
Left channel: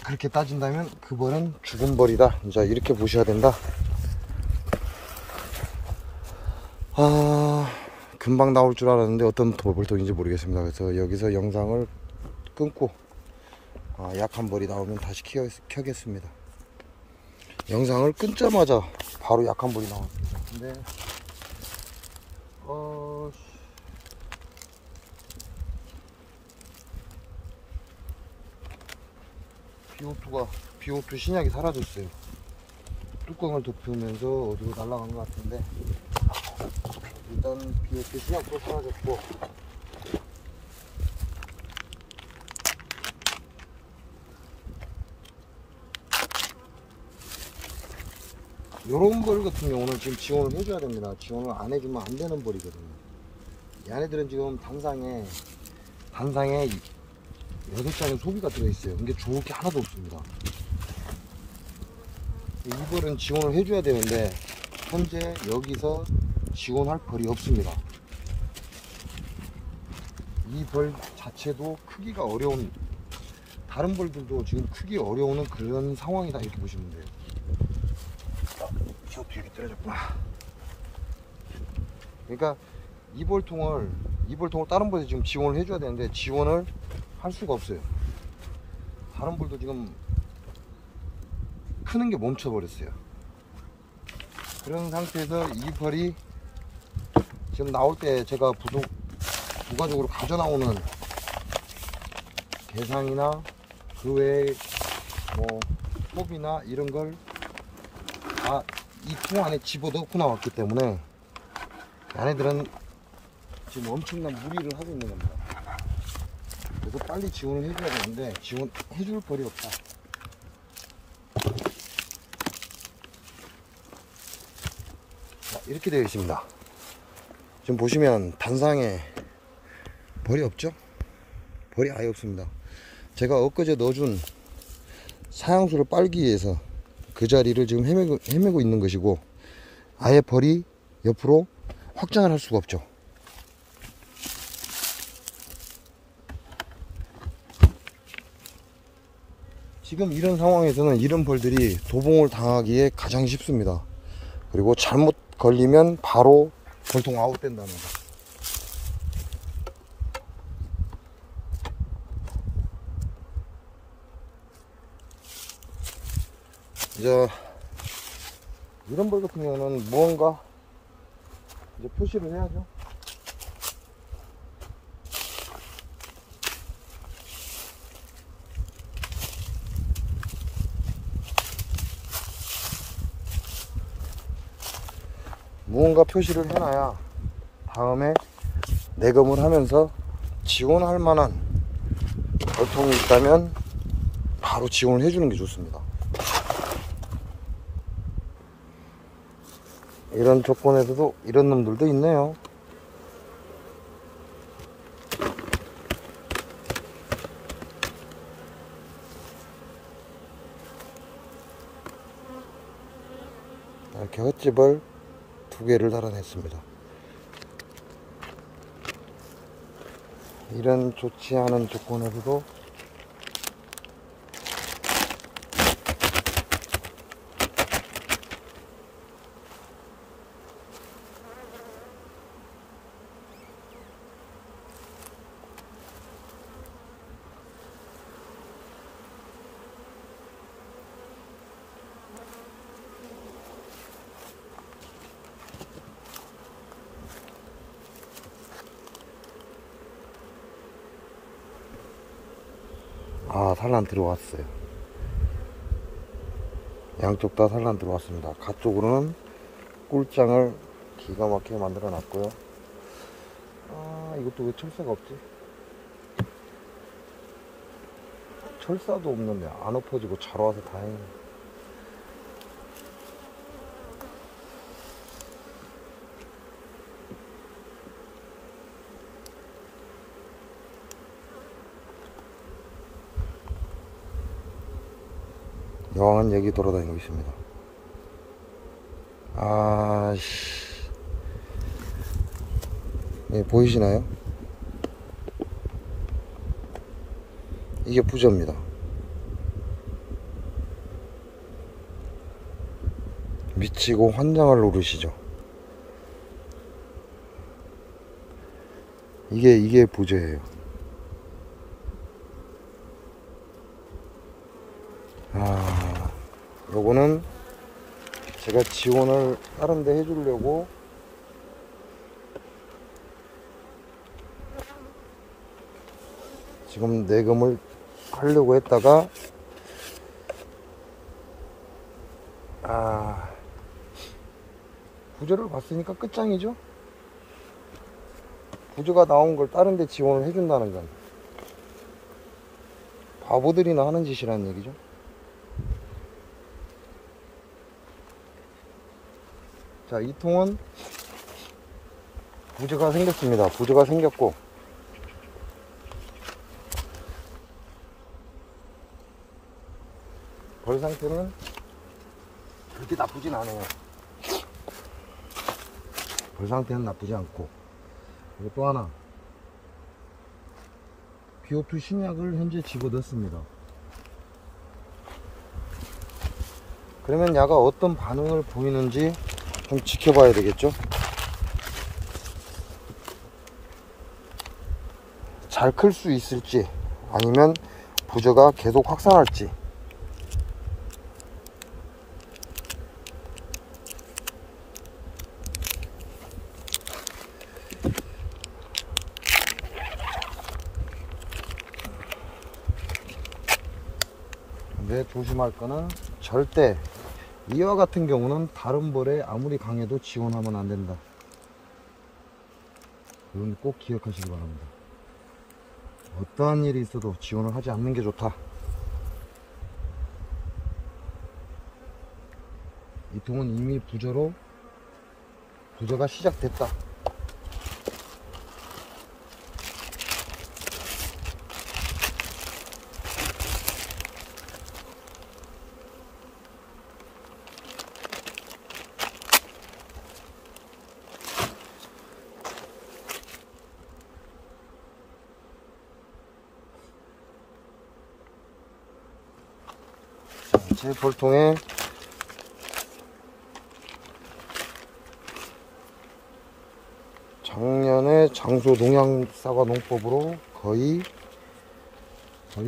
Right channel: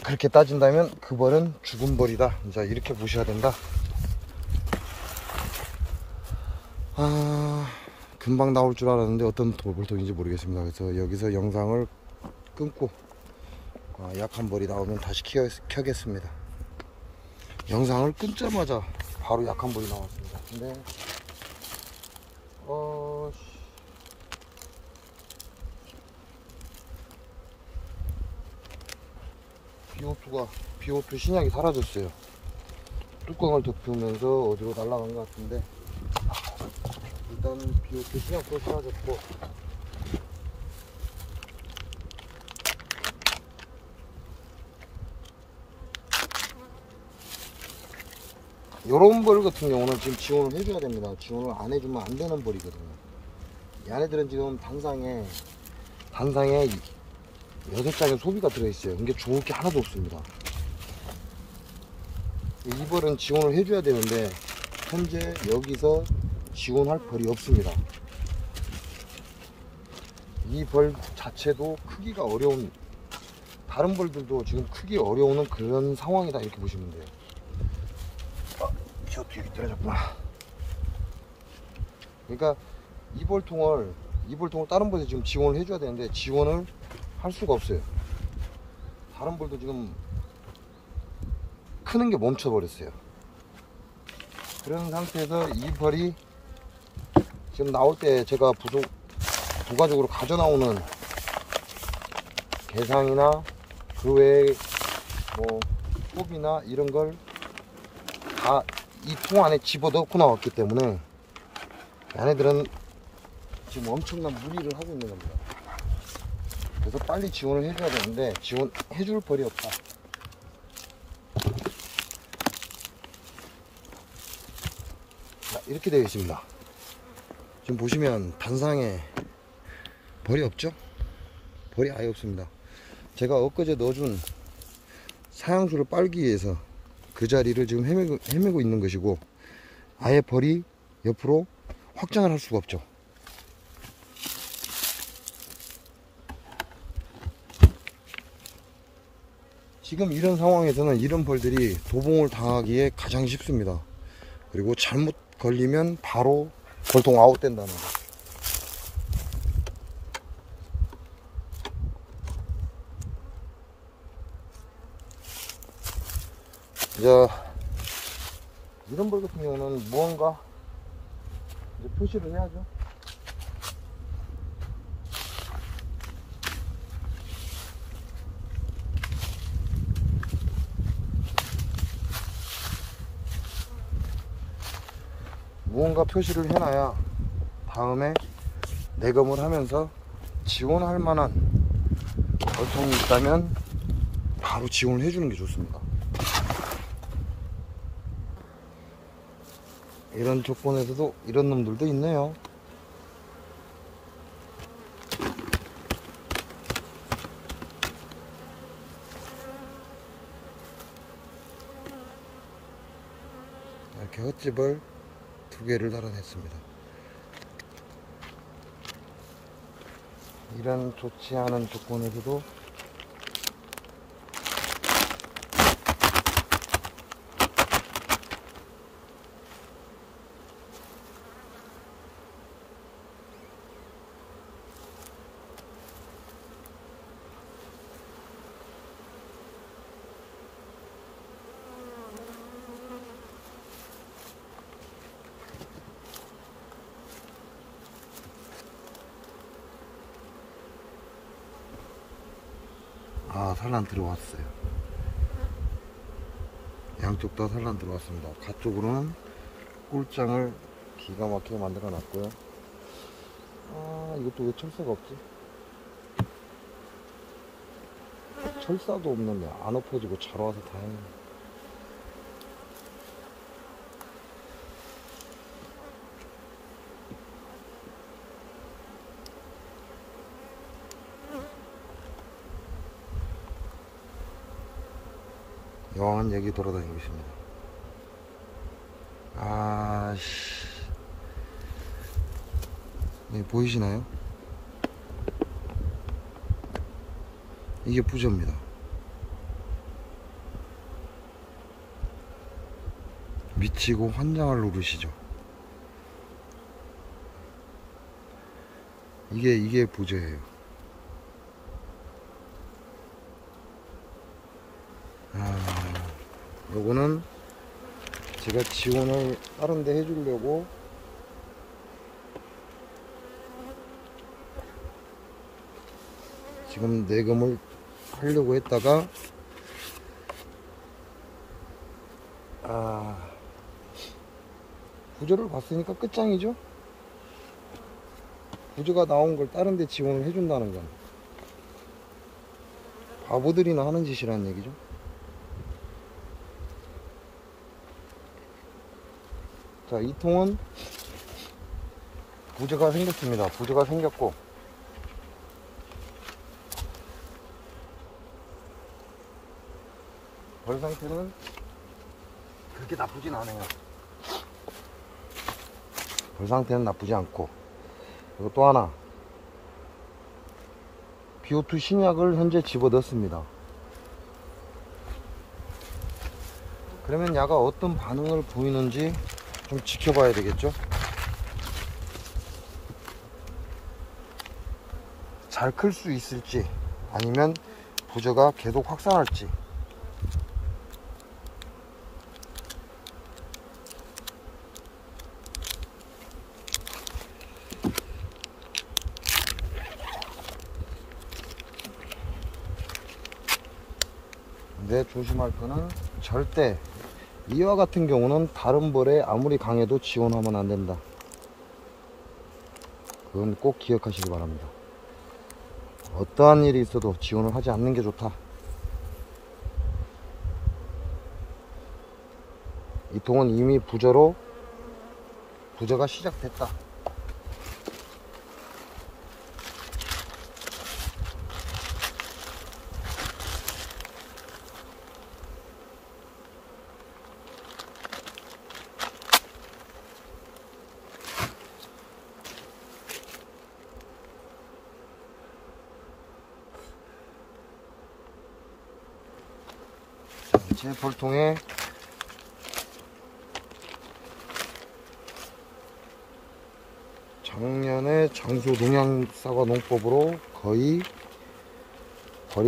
그렇게 따진다면 그 벌은 죽은 벌이다, 이제 이렇게 보셔야 된다. 금방 나올 줄 알았는데 어떤 벌통인지 모르겠습니다. 그래서 여기서 영상을 끊고 약한 벌이 나오면 다시 켜겠습니다. 영상을 끊자마자 바로 약한 벌이 나왔습니다. 근데 비오투 신약이 사라졌어요. 뚜껑을 덮으면서 어디로 날아간 것 같은데, 일단 비웃기 시작해 사라졌고, 요런 벌 같은 경우는 지금 지원을 해줘야 됩니다. 지원을 안 해주면 안 되는 벌이거든요. 얘네들은 지금 단상에 6장의 소비가 들어있어요. 이게 좋을 게 하나도 없습니다. 이 벌은 지원을 해줘야 되는데 현재 여기서 지원할 벌이 없습니다. 이 벌 자체도 크기가 어려운, 다른 벌들도 지금 크기 어려우는 그런 상황이다, 이렇게 보시면 돼요. 저 뒤에 떨어졌구나. 그러니까 이 벌통을 다른 벌에 지금 지원을 해줘야 되는데 지원을 할 수가 없어요. 다른 벌도 지금 크는 게 멈춰버렸어요. 그런 상태에서 이 벌이 지금 나올 때 제가 부가적으로 가져 나오는 개상이나 그 외에 뭐 소비나 이런 걸 다 이 통 안에 집어넣고 나왔기 때문에 얘네들은 지금 엄청난 무리를 하고 있는 겁니다. 그래서 빨리 지원을 해줘야 되는데 지원해줄 벌이 없다. 자, 이렇게 되어 있습니다. 지금 보시면 단상에 벌이 없죠? 벌이 아예 없습니다. 제가 엊그제 넣어준 사양수를 빨기 위해서 그 자리를 지금 헤매고 있는 것이고, 아예 벌이 옆으로 확장을 할 수가 없죠. 지금 이런 상황에서는 이런 벌들이 도봉을 당하기에 가장 쉽습니다. 그리고 잘못 걸리면 바로 벌통 아웃된다는 거. 자, 이런 벌 같은 경우는 무언가 이제 표시를 해야죠. 무언가 표시를 해놔야 다음에 내검을 하면서 지원할 만한 벌통이 있다면 바로 지원을 해주는 게 좋습니다. 이런 조건에서도 이런 놈들도 있네요. 이렇게 헛집을 2개를 달아냈습니다. 이런 좋지 않은 조건에서도 산란 들어왔어요. 양쪽 다 산란 들어왔습니다. 가쪽으로는 꿀장을 기가 막히게 만들어 놨고요. 이것도 왜 철사가 없지? 철사도 없는데 안 엎어지고 잘 와서 다행이네. 여왕한 얘기 돌아다니고 있습니다. 네, 보이시나요? 이게 부저입니다. 미치고 환장을 노르시죠. 이게 부저예요. 요거는 제가 지원을 다른 데 해주려고 지금 내검을 하려고 했다가 부저를 봤으니까 끝장이죠. 부저가 나온 걸 다른 데 지원을 해준다는 건 바보들이나 하는 짓이라는 얘기죠. 자, 이 통은 부저가 생겼습니다. 부저가 생겼고, 벌 상태는 그렇게 나쁘진 않아요. 벌 상태는 나쁘지 않고, 그리고 또 하나, BO2 신약을 현재 집어 넣습니다. 그러면 야가 어떤 반응을 보이는지 좀 지켜봐야 되겠죠. 잘 클 수 있을지, 아니면 부저가 계속 확산할지. 근데 조심할 거는 절대 이와 같은 경우는 다른 벌에 아무리 강해도 지원하면 안 된다. 그건 꼭 기억하시기 바랍니다. 어떠한 일이 있어도 지원을 하지 않는 게 좋다. 이 통은 이미 부저가 시작됐다. 제 벌통에 작년에 장소 농약사과 농법으로 거의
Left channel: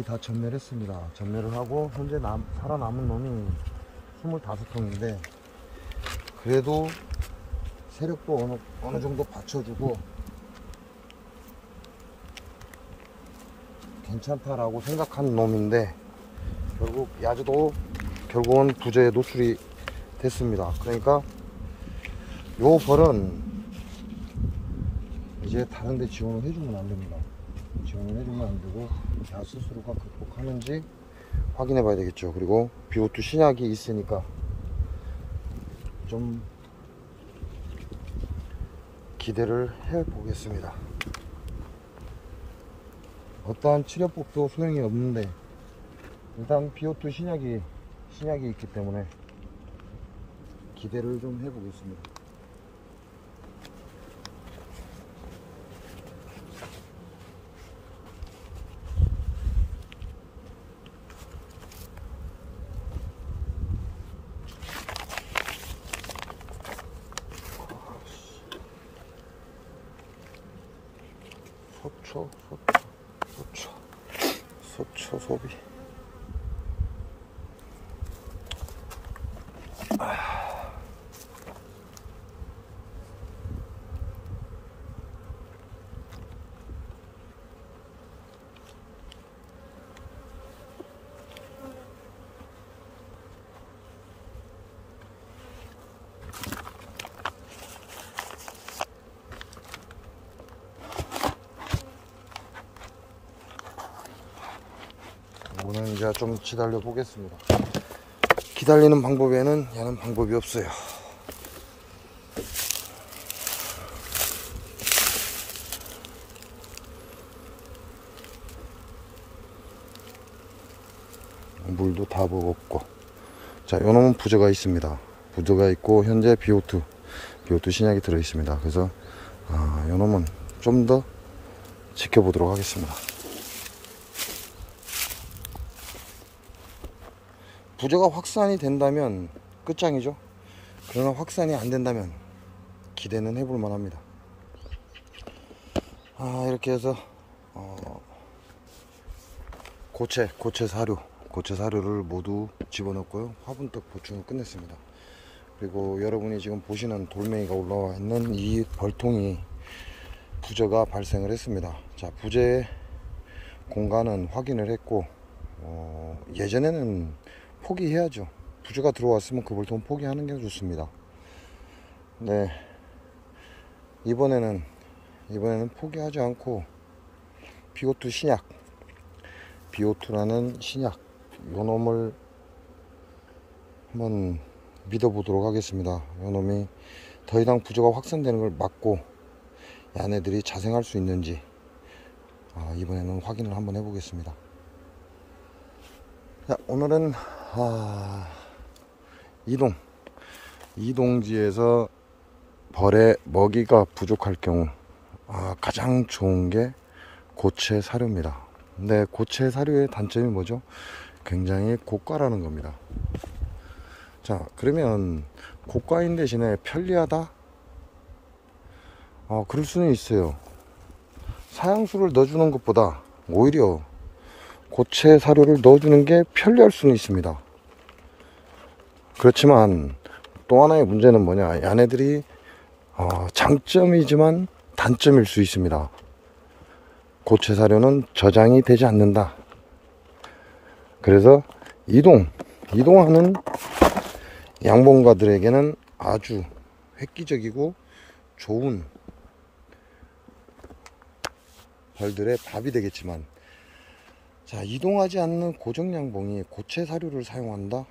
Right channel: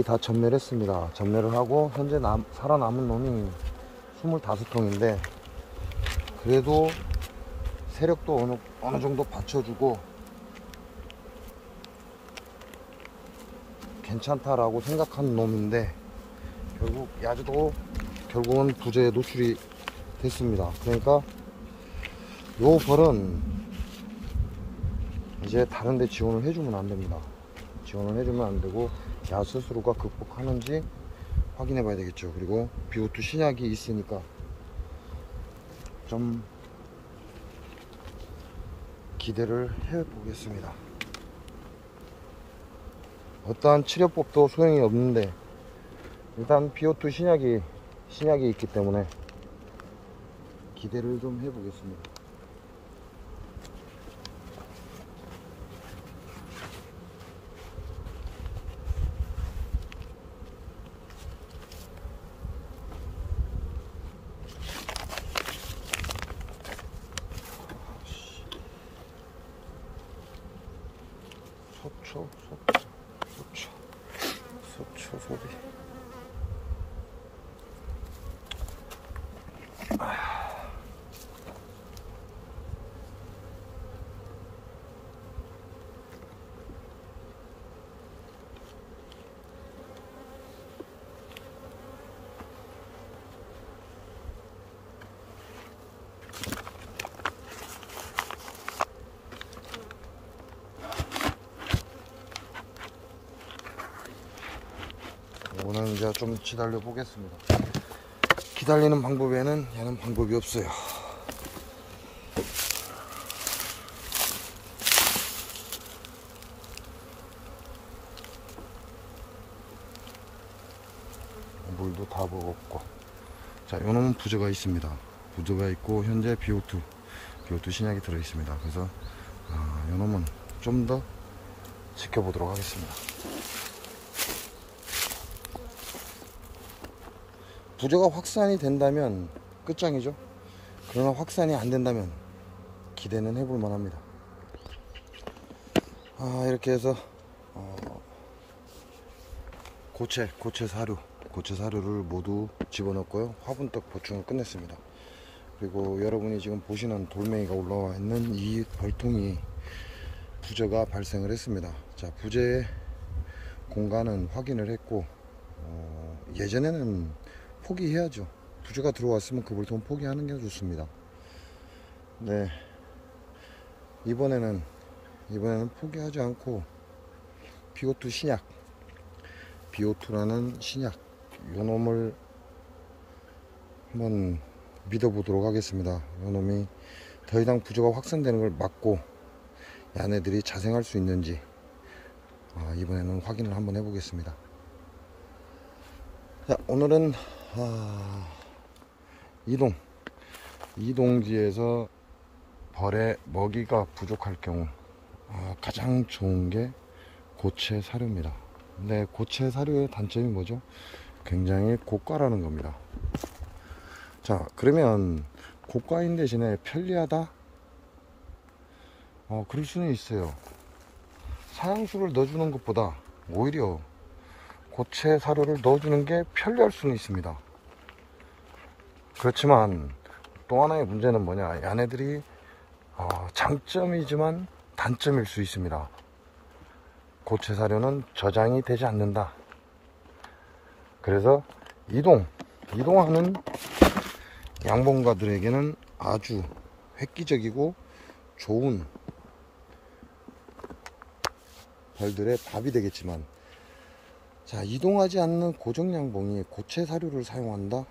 다 전멸 했습니다. 전멸을 하고 현재 살아남은 놈이 25통인데 그래도 세력도 어느 정도 받쳐주고 괜찮다라고 생각한 놈인데 결국 야주도 결국은 부저에 노출이 됐습니다. 그러니까 요 벌은 이제 다른 데 지원을 해주면 안 됩니다. 지원을 해주면 안 되고 야 스스로가 극복하는지 확인해 봐야 되겠죠. 그리고 BO2 신약이 있으니까 좀 기대를 해 보겠습니다. 어떠한 치료법도 소용이 없는데 일단 BO2 신약이 있기 때문에 기대를 좀 해보겠습니다. 소초 소비. 이거는 이제 좀 기다려 보겠습니다. 기다리는 방법에는 야는 방법이 없어요. 물도 다 먹었고, 자, 요놈은 부저가 있습니다. 부저가 있고 현재 BO2 신약이 들어 있습니다. 그래서 요놈은 좀 더 지켜보도록 하겠습니다. 부저가 확산이 된다면 끝장이죠. 그러나 확산이 안 된다면 기대는 해볼 만합니다. 이렇게 해서 고체 사료를 모두 집어넣고요. 화분떡 보충을 끝냈습니다. 그리고 여러분이 지금 보시는 돌멩이가 올라와 있는 이 벌통이 부저가 발생을 했습니다. 자, 부저의 공간은 확인을 했고, 예전에는 포기해야죠. 부저가 들어왔으면 그 벌통 포기하는 게 좋습니다. 네, 이번에는 포기하지 않고 BO2 신약, BO2라는 신약, 요 놈을 한번 믿어보도록 하겠습니다. 요 놈이 더 이상 부조가 확산되는 걸 막고 야네들이 자생할 수 있는지 이번에는 확인을 한번 해보겠습니다. 자, 오늘은 이동지에서 벌의 먹이가 부족할 경우 가장 좋은 게 고체 사료입니다. 근데 고체 사료의 단점이 뭐죠? 굉장히 고가라는 겁니다. 자, 그러면 고가인 대신에 편리하다? 그럴 수는 있어요. 사양수를 넣어주는 것보다 오히려 고체 사료를 넣어주는 게 편리할 수는 있습니다. 그렇지만 또 하나의 문제는 뭐냐, 야네들이 장점이지만 단점일 수 있습니다. 고체 사료는 저장이 되지 않는다. 그래서 이동하는 양봉가들에게는 아주 획기적이고 좋은 벌들의 밥이 되겠지만, 자, 이동하지 않는 고정양봉이 고체 사료를 사용한다?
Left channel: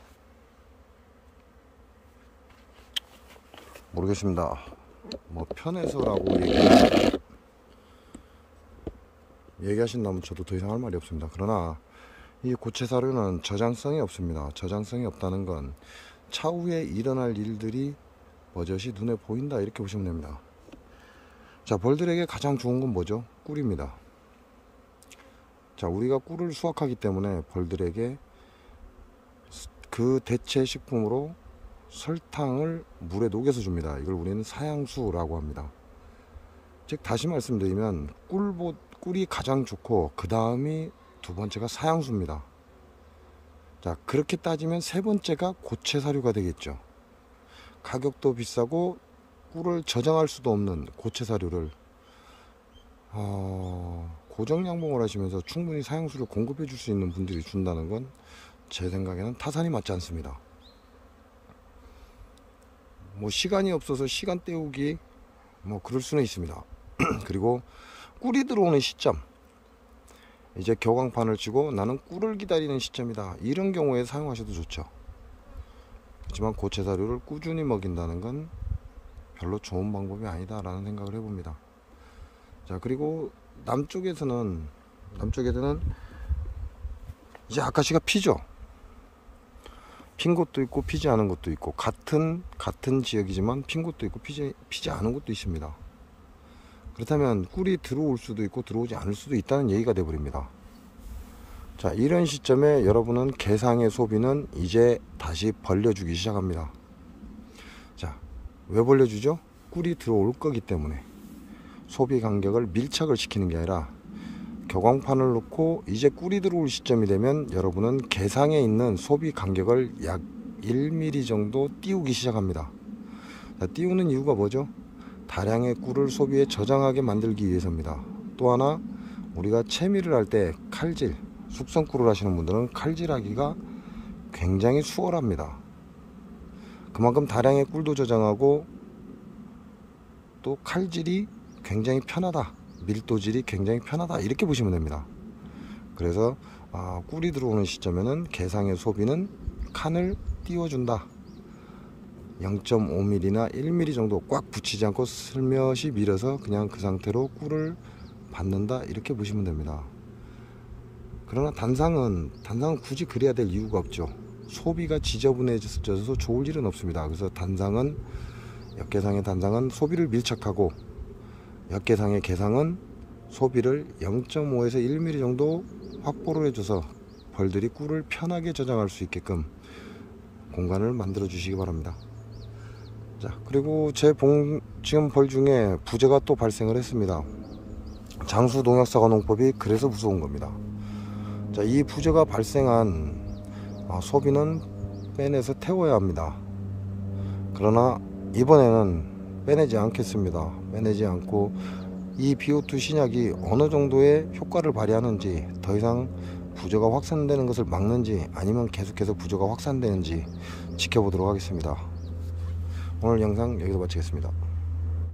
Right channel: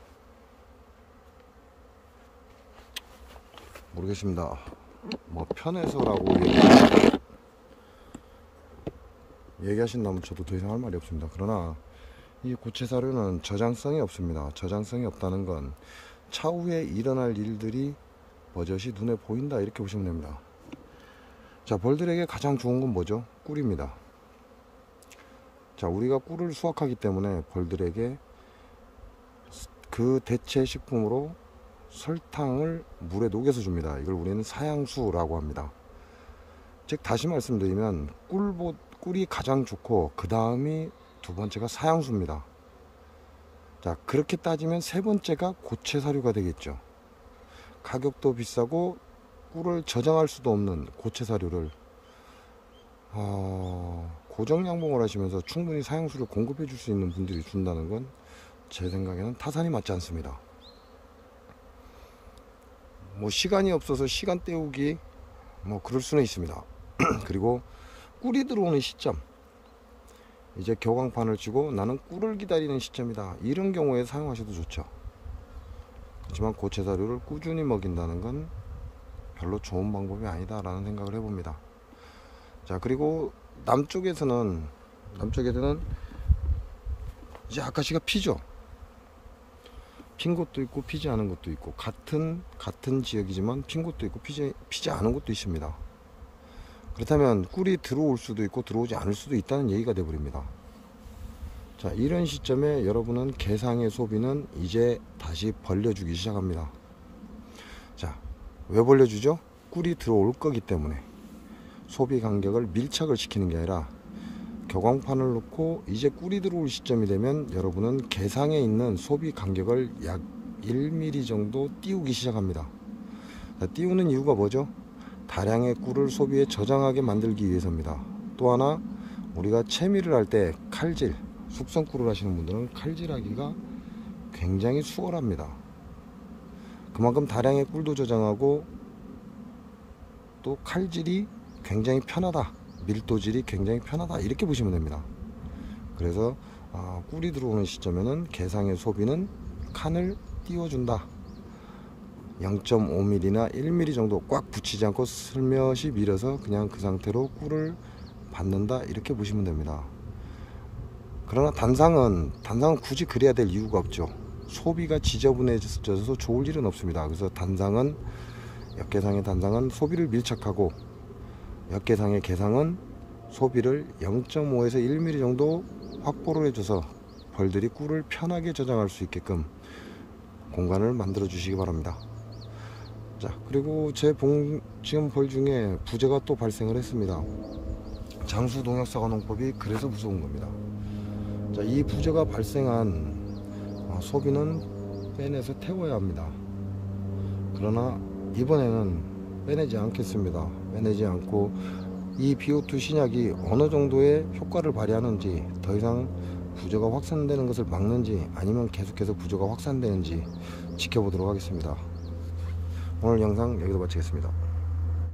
모르겠습니다. 뭐 편해서라고 얘기하신다면 저도 더 이상 할 말이 없습니다. 그러나 이 고체 사료는 저장성이 없습니다. 저장성이 없다는 건 차후에 일어날 일들이 버젓이 눈에 보인다, 이렇게 보시면 됩니다. 자, 벌들에게 가장 좋은 건 뭐죠? 꿀입니다. 자, 우리가 꿀을 수확하기 때문에 벌들에게 그 대체 식품으로 설탕을 물에 녹여서 줍니다. 이걸 우리는 사양수라고 합니다. 즉, 다시 말씀드리면 꿀이 가장 좋고 그 다음이 두 번째가 사양수입니다. 자, 그렇게 따지면 세 번째가 고체 사료가 되겠죠. 가격도 비싸고 꿀을 저장할 수도 없는 고체 사료를 고정 양봉을 하시면서 충분히 사양수를 공급해 줄 수 있는 분들이 준다는 건 제 생각에는 타산이 맞지 않습니다. 뭐 시간이 없어서 시간 때우기 뭐 그럴 수는 있습니다. 그리고 꿀이 들어오는 시점, 이제 교광판을 치고 나는 꿀을 기다리는 시점이다, 이런 경우에 사용하셔도 좋죠. 그렇지만 고체 사료를 꾸준히 먹인다는 건 별로 좋은 방법이 아니다 라는 생각을 해봅니다. 자, 그리고 남쪽에서는 이제 아카시가 피죠. 핀 곳도 있고 피지 않은 곳도 있고, 같은 지역이지만 핀 곳도 있고 피지 않은 곳도 있습니다. 그렇다면 꿀이 들어올 수도 있고 들어오지 않을 수도 있다는 얘기가 되어버립니다. 자, 이런 시점에 여러분은 개상의 소비는 이제 다시 벌려주기 시작합니다. 자, 왜 벌려주죠? 꿀이 들어올 거기 때문에. 소비 간격을 밀착을 시키는 게 아니라 교광판을 놓고 이제 꿀이 들어올 시점이 되면 여러분은 개상에 있는 소비 간격을 약 1mm 정도 띄우기 시작합니다. 자, 띄우는 이유가 뭐죠? 다량의 꿀을 소비에 저장하게 만들기 위해서입니다. 또 하나, 우리가 채미를 할 때 칼질, 숙성꿀을 하시는 분들은 칼질하기가 굉장히 수월합니다. 그만큼 다량의 꿀도 저장하고 또 칼질이 굉장히 편하다, 밀도질이 굉장히 편하다, 이렇게 보시면 됩니다. 그래서 꿀이 들어오는 시점에는 개상의 소비는 칸을 띄워준다. 0.5mm나 1mm 정도 꽉 붙이지 않고 슬며시 밀어서 그냥 그 상태로 꿀을 받는다, 이렇게 보시면 됩니다. 그러나 단상은 굳이 그래야 될 이유가 없죠. 소비가 지저분해져서 좋을 일은 없습니다. 그래서 역계상의 단상은 소비를 밀착하고, 역계상의 개상은 소비를 0.5에서 1mm 정도 확보를 해줘서 벌들이 꿀을 편하게 저장할 수 있게끔 공간을 만들어 주시기 바랍니다. 자, 그리고 지금 벌 중에 부재가 또 발생을 했습니다. 장수 농약사과 농법이 그래서 무서운 겁니다. 자, 이 부재가 발생한 소비는 빼내서 태워야 합니다. 그러나 이번에는 빼내지 않겠습니다. 빼내지 않고 이 BO2 신약이 어느 정도의 효과를 발휘하는지, 더 이상 부조가 확산되는 것을 막는지 아니면 계속해서 부조가 확산되는지 지켜보도록 하겠습니다. 오늘 영상 여기서 마치겠습니다.